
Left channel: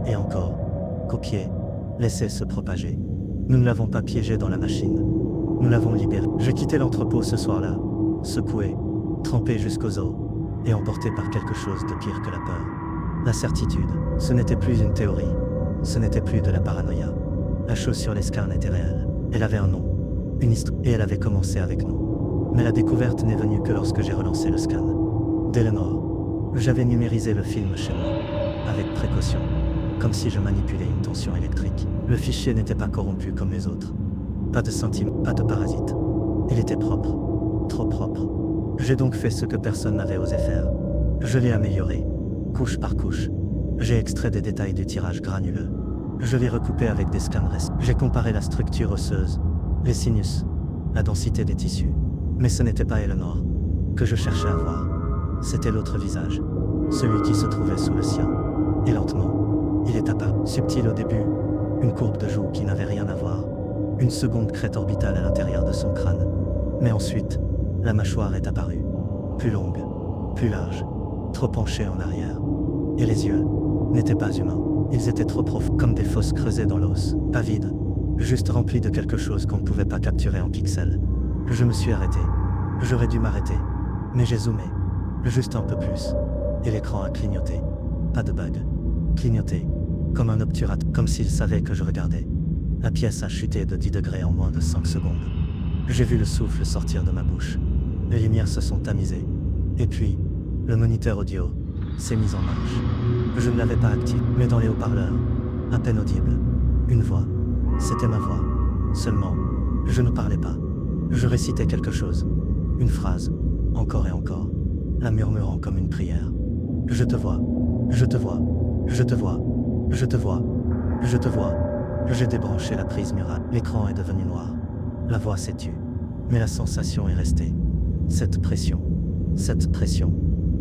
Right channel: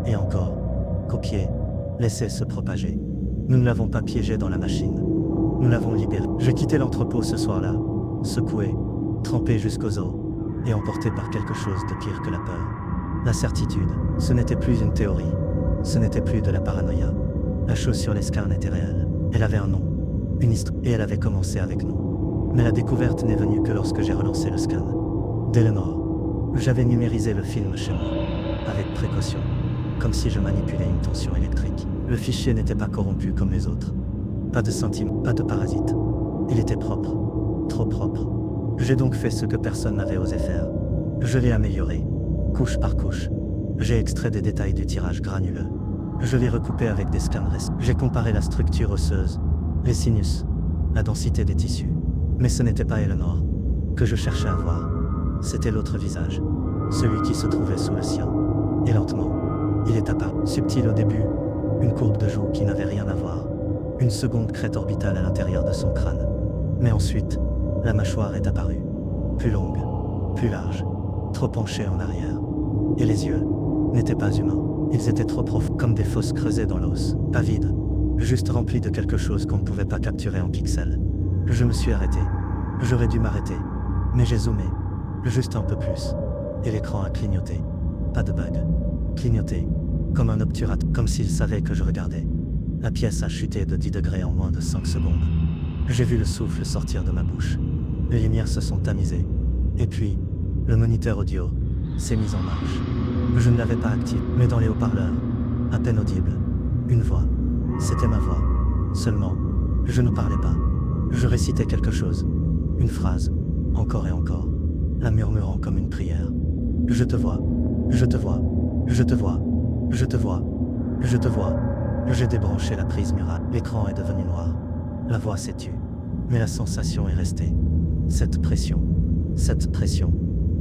et encore, copié, laissé se propager. Nous ne l'avons pas piégé dans la machine. Nous l'avons libéré. Je quittais l'entrepôt ce soir-là, secoué, trempé jusqu'aux os, et emporté par quelque chose de pire que la peur. La certitude, ce n'était plus une théorie, ce n'était plus de la paranoïa. La chose sur les scans était réelle. Elle avait un nom, une histoire, et elle avait commencé avec nous. Mais la découverte n'est venue que lorsque j'ai relancé le scan. D'Eleanor. J'avais numérisé le film chez moi, avec précaution, comme si je manipulais une tension électrique. Le fichier n'était pas corrompu comme les autres. Pas de sentiments, pas de parasites. Il était propre, trop propre. J'ai donc fait ce que personne n'avait osé faire. Je l'ai amélioré, couche par couche. J'ai extrait des détails du tirage granuleux. Je l'ai recoupé avec des scans récents. J'ai comparé la structure osseuse, les sinus, la densité des tissus. Mais ce n'était pas Eleanor que je cherchais à voir. C'était l'autre visage, celui qui se trouvait sous le sien. Et lentement, il est apparu. Subtil au début, une courbe de joue qui n'avait rien à voir. Une seconde crête orbitale à l'intérieur de son crâne. Mais ensuite, la mâchoire est apparue. Plus longue, plus large, trop penchée en arrière. Et les yeux n'étaient pas humains. Ils étaient trop profonds, comme des fosses creusées dans l'os. Pas vides, juste remplis de quelque chose qu'on ne pouvait pas capturer en pixels. Je me suis arrêté. J'aurais dû m'arrêter. Mais j'ai zoomé. Juste un peu plus. Et l'écran a clignoté. Pas de bug. Clignoté. Comme un obturateur. Comme s'il savait que je regardais. La pièce a chuté de 10 degrés en moins de 5 secondes. J'ai vu le souffle sortir de ma bouche. Les lumières se sont tamisées. Et puis, le moniteur audio s'est mis en marche. Je ne l'avais pas activé, mais dans les haut-parleurs, à peine audible, une voix. C'était ma voix. Seulement, je ne parlais pas. Je récitais quelque chose. Une phrase. Encore et encore. La murmurant comme une prière. Je te vois. Je te vois. Je te vois. Je te vois. Je te vois. J'ai débranché la prise murale. L'écran est devenu noir. La voix s'est tue. Mais la sensation est restée. Cette pression. Cette pression.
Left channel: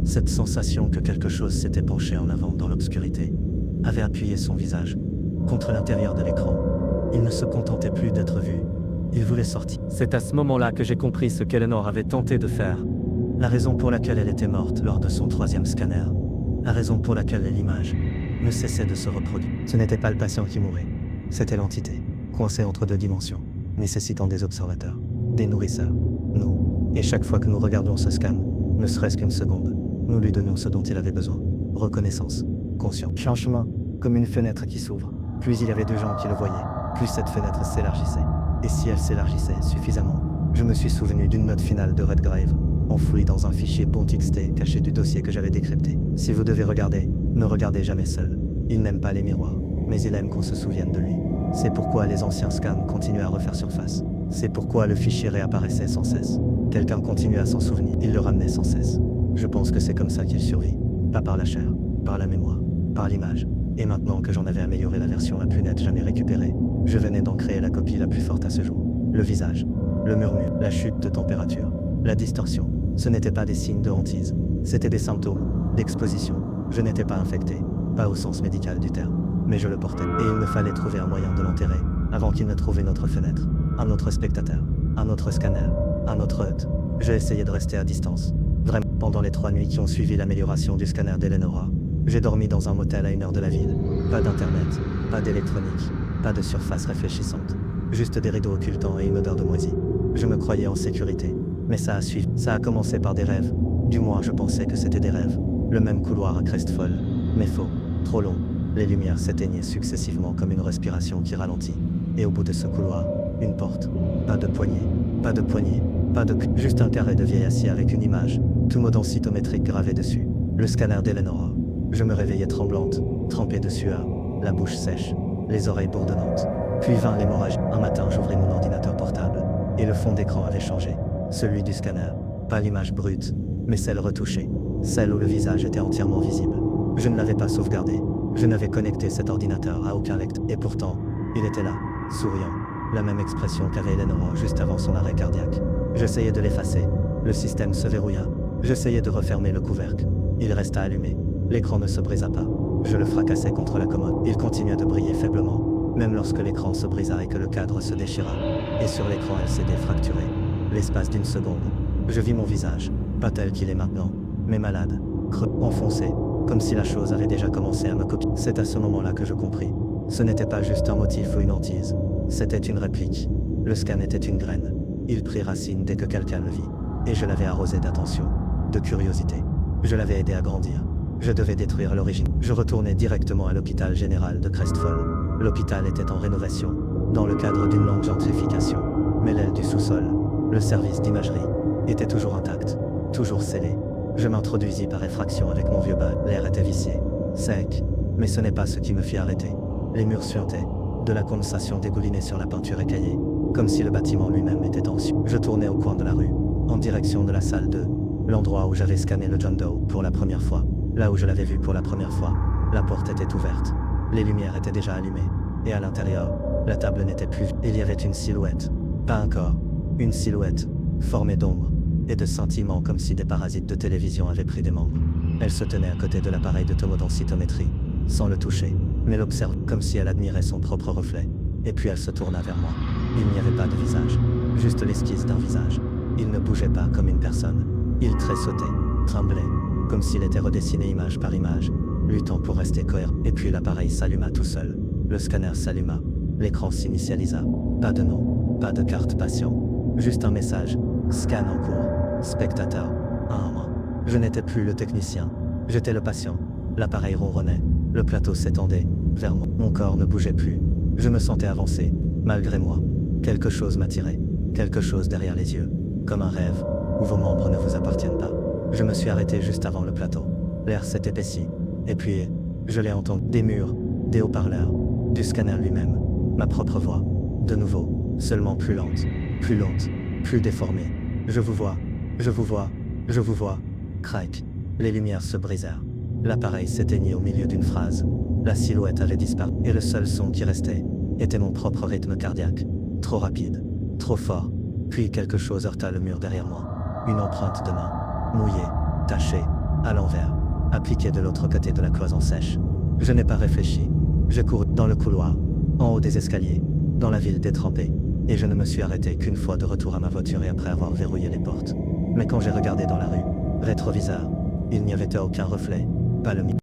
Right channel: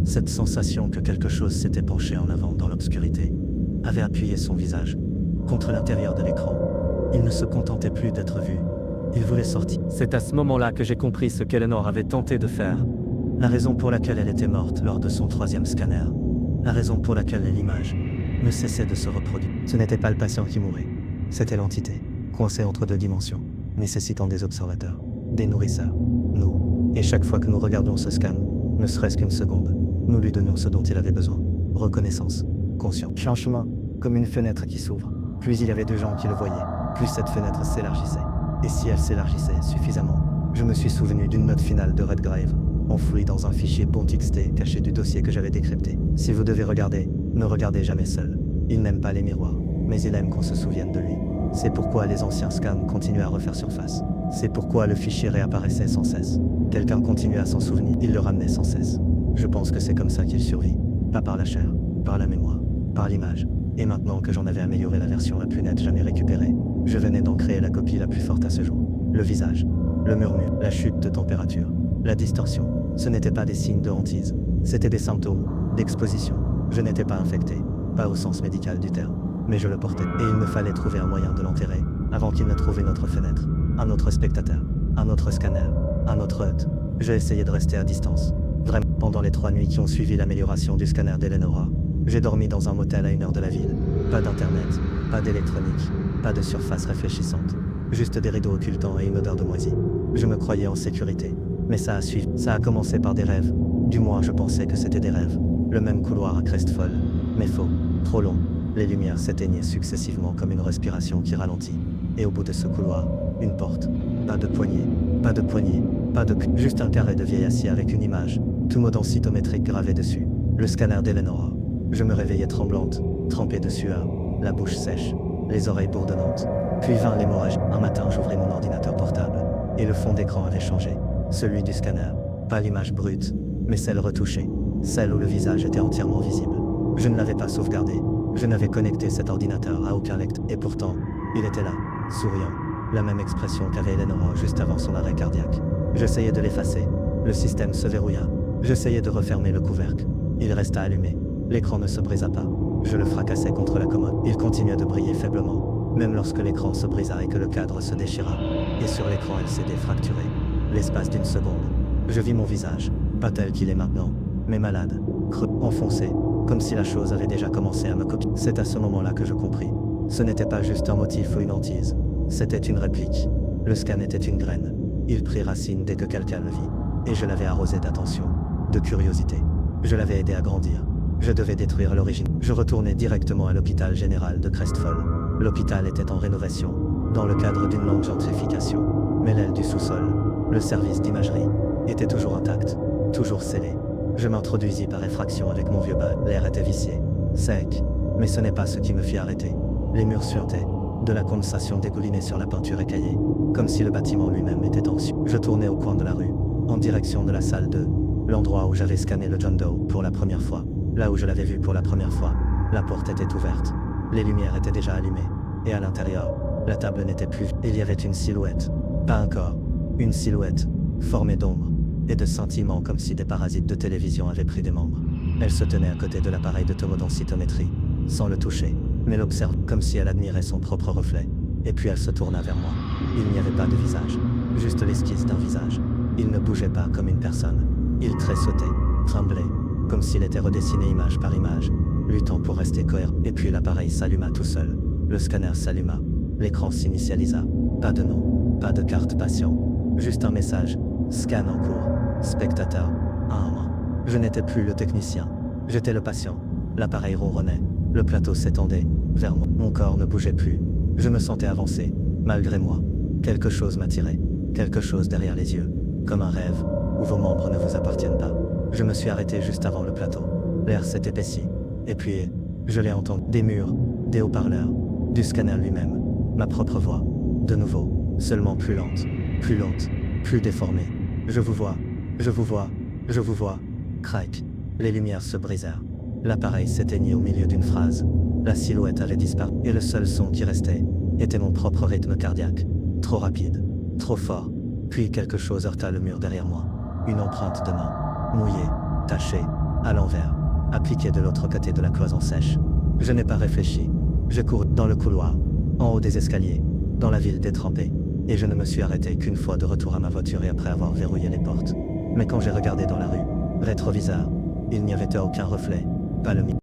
Cette sensation que quelque chose s'était penché en avant dans l'obscurité. Avait appuyé son visage contre l'intérieur de l'écran. Il ne se contentait plus d'être vu. Il voulait sortir. C'est à ce moment-là que j'ai compris ce qu'Eleanor avait tenté de faire. La raison pour laquelle elle était morte lors de son 3e scanner. La raison pour laquelle l'image ne cessait de se reproduire. Ce n'était pas le patient qui mourait. C'était l'entité, coincée entre 2 dimensions, nécessitant des observateurs, des nourrisseurs, nous. Et chaque fois que nous regardions ce scan, ne serait-ce qu'une seconde, nous lui donnions ce dont il avait besoin. Reconnaissance, conscience. Changement, comme une fenêtre qui s'ouvre. Plus il y avait de gens qui le voyaient, plus cette fenêtre s'élargissait. Et si elle s'élargissait suffisamment, je me suis souvenu d'une note finale de Redgrave, enfouie dans un fichier .txt caché du dossier que j'avais décrypté. Si vous devez regarder, ne regardez jamais seul. Il n'aime pas les miroirs, mais il aime qu'on se souvienne de lui. C'est pourquoi les anciens scans continuaient à refaire surface. C'est pourquoi le fichier réapparaissait sans cesse. Quelqu'un continuait à s'en souvenir, il le ramenait sans cesse. Je pense que c'est comme ça qu'il survit. Pas par la chair, par la mémoire, par l'image. Et maintenant que j'en avais amélioré la version la plus nette jamais récupérée, je venais d'en créer la copie la plus forte à ce jour. Le visage, le murmure, la chute de température, la distorsion. Ce n'étaient pas des signes de hantise. C'était des symptômes, d'exposition. Je n'étais pas infecté, pas au sens médical du terme. Mais je le portais. Et il me fallait trouver un moyen de l'enterrer, avant qu'il ne trouve une autre fenêtre, un autre spectateur, un autre scanner, un autre hôte. J'ai essayé de rester à distance. Vraiment, pendant les 3 nuits qui ont suivi l'amélioration du scanner d'Eleanor, j'ai dormi dans un motel à 1 heure de la ville. Pas d'internet, pas d'électronique, Pas de surface réfléchissante. Juste des rideaux occultants et une odeur de moisi. Je me croyais en sécurité. Mais ça a suivi. Ça a commencé par des rêves. Du moins, je pensais que c'était des rêves. Le même couloir à Crestfall. Mais faux. Trop long. Les lumières s'éteignaient successivement comme une respiration qui ralentit. Et au bout de ce couloir, une porte. Pas de poignée. Pas de poignée. Pas de... Juste un carré de vieil acier avec une image. Tout mot densitométrique gravé dessus. Le scanner d'Eleonora. Je me réveillais tremblante, trempée de sueur, la bouche sèche, les oreilles bourdonnantes. Puis vint l'hémorragie. Un matin, j'ouvris mon ordinateur portable. Et le fond d'écran avait changé. Celui du scanner. Pas l'image brute, mais celle retouchée. Celle où le visage était entièrement visible. Je ne l'avais pas sauvegardé. Je n'avais connecté cet ordinateur à aucun lecteur. Et pourtant, il était là, souriant. La même expression qu'avait Eleonora juste avant son arrêt cardiaque. J'essayais de l'effacer. Le système se verrouilla. J'essayais de refermer le couvercle. Il resta allumé. L'écran ne se brisa pas. Je le fracassai contre la commode. Il continuait de briller faiblement, même lorsque l'écran se brisa et que le cadre se déchira. Et sur l'écran LCD fracturé. L'espace d'une seconde. Je vis mon visage, pas tel qu'il est maintenant, mais malade, creux, enfoncé, comme si la chose avait déjà commencé à me copier. C'est à ce moment-là que je compris. Ce n'était pas juste un motif ou une hantise. C'était une réplique. Le scan était une graine. Il prit racine dès que quelqu'un le vit. Et je l'avais arrosé d'attention, de curiosité. Je l'avais aidé à grandir. Je devais détruire l'origine. Je retournai directement à l'hôpital général de Crestfall. L'hôpital était en rénovation, dans le cadre d'une longue gentrification. Mais l'aile du sous-sol, le service d'imagerie, était toujours intact, toujours scellé. Je m'introduisis par effraction avec mon vieux badge. L'air était vicié, sec, mais ce n'est pas ce qui me fit arrêter. Les murs suintaient, de la condensation dégoulinait sur la peinture écaillée, comme si le bâtiment lui-même était anxieux. Je tournai au coin de la rue, en direction de la salle 2, l'endroit où j'avais scanné le John Doe pour la première fois. Là où je l'avais vu pour la première fois, la porte était ouverte. Les lumières étaient déjà allumées. Et à l'intérieur, la table n'était plus. Il y avait une silhouette. Pas un corps. Une silhouette, formée d'ombre et de scintillements comme si des parasites de télévision avaient pris des membres. Elle se tenait à côté de l'appareil de tomodensitométrie, sans le toucher, mais l'observait comme si elle admirait son propre reflet. Et puis elle se tourna vers moi. Il n'y avait pas de visage. Juste l'esquisse d'un visage. Il ne bougeait pas comme une personne. Il tressautait, tremblait, comme s'il était redessiné image par image, luttant pour rester cohérent. Et puis l'appareil s'alluma tout seul. Le scanner s'alluma. L'écran s'initialisa. Pas de nom, pas de carte patient. Juste un message. Scan en cours. Spectateur. 1-1. Je n'étais plus le technicien. J'étais le patient. L'appareil ronronnait. Le plateau s'étendait vers moi. Mon corps ne bougeait plus. Je me sentais avancer, malgré moi. Quelque chose m'attirait. Quelque chose derrière les yeux. Comme un rêve, où vos membres ne vous appartiennent pas. Je me suis arrêté juste avant le plateau. L'air s'est épaissi. Et puis, je l'ai entendu. Des murs, des haut-parleurs, du scanner lui-même. Ma propre voix. De nouveau, seulement plus lente, plus déformée. Je vous vois, je vous vois, je vous vois. Crac. Les lumières se brisèrent. L'appareil s'éteignit au milieu d'une phrase. La silhouette avait disparu. Et le seul son qui restait était mon propre rythme cardiaque. Trop rapide, trop fort. Puis quelque chose heurta le mur derrière moi. Une empreinte de main. Mouillée, tachée, à l'envers, appliquée de l'autre côté de la cloison sèche. Je n'ai pas réfléchi. Je cours dans le couloir, en haut des escaliers, dans la ville détrempée, et je ne me suis arrêté qu'une fois de retour à ma voiture et après avoir verrouillé les portes. Mais quand j'ai regardé dans la rue, rétroviseur, il n'y avait aucun reflet, pas le mien.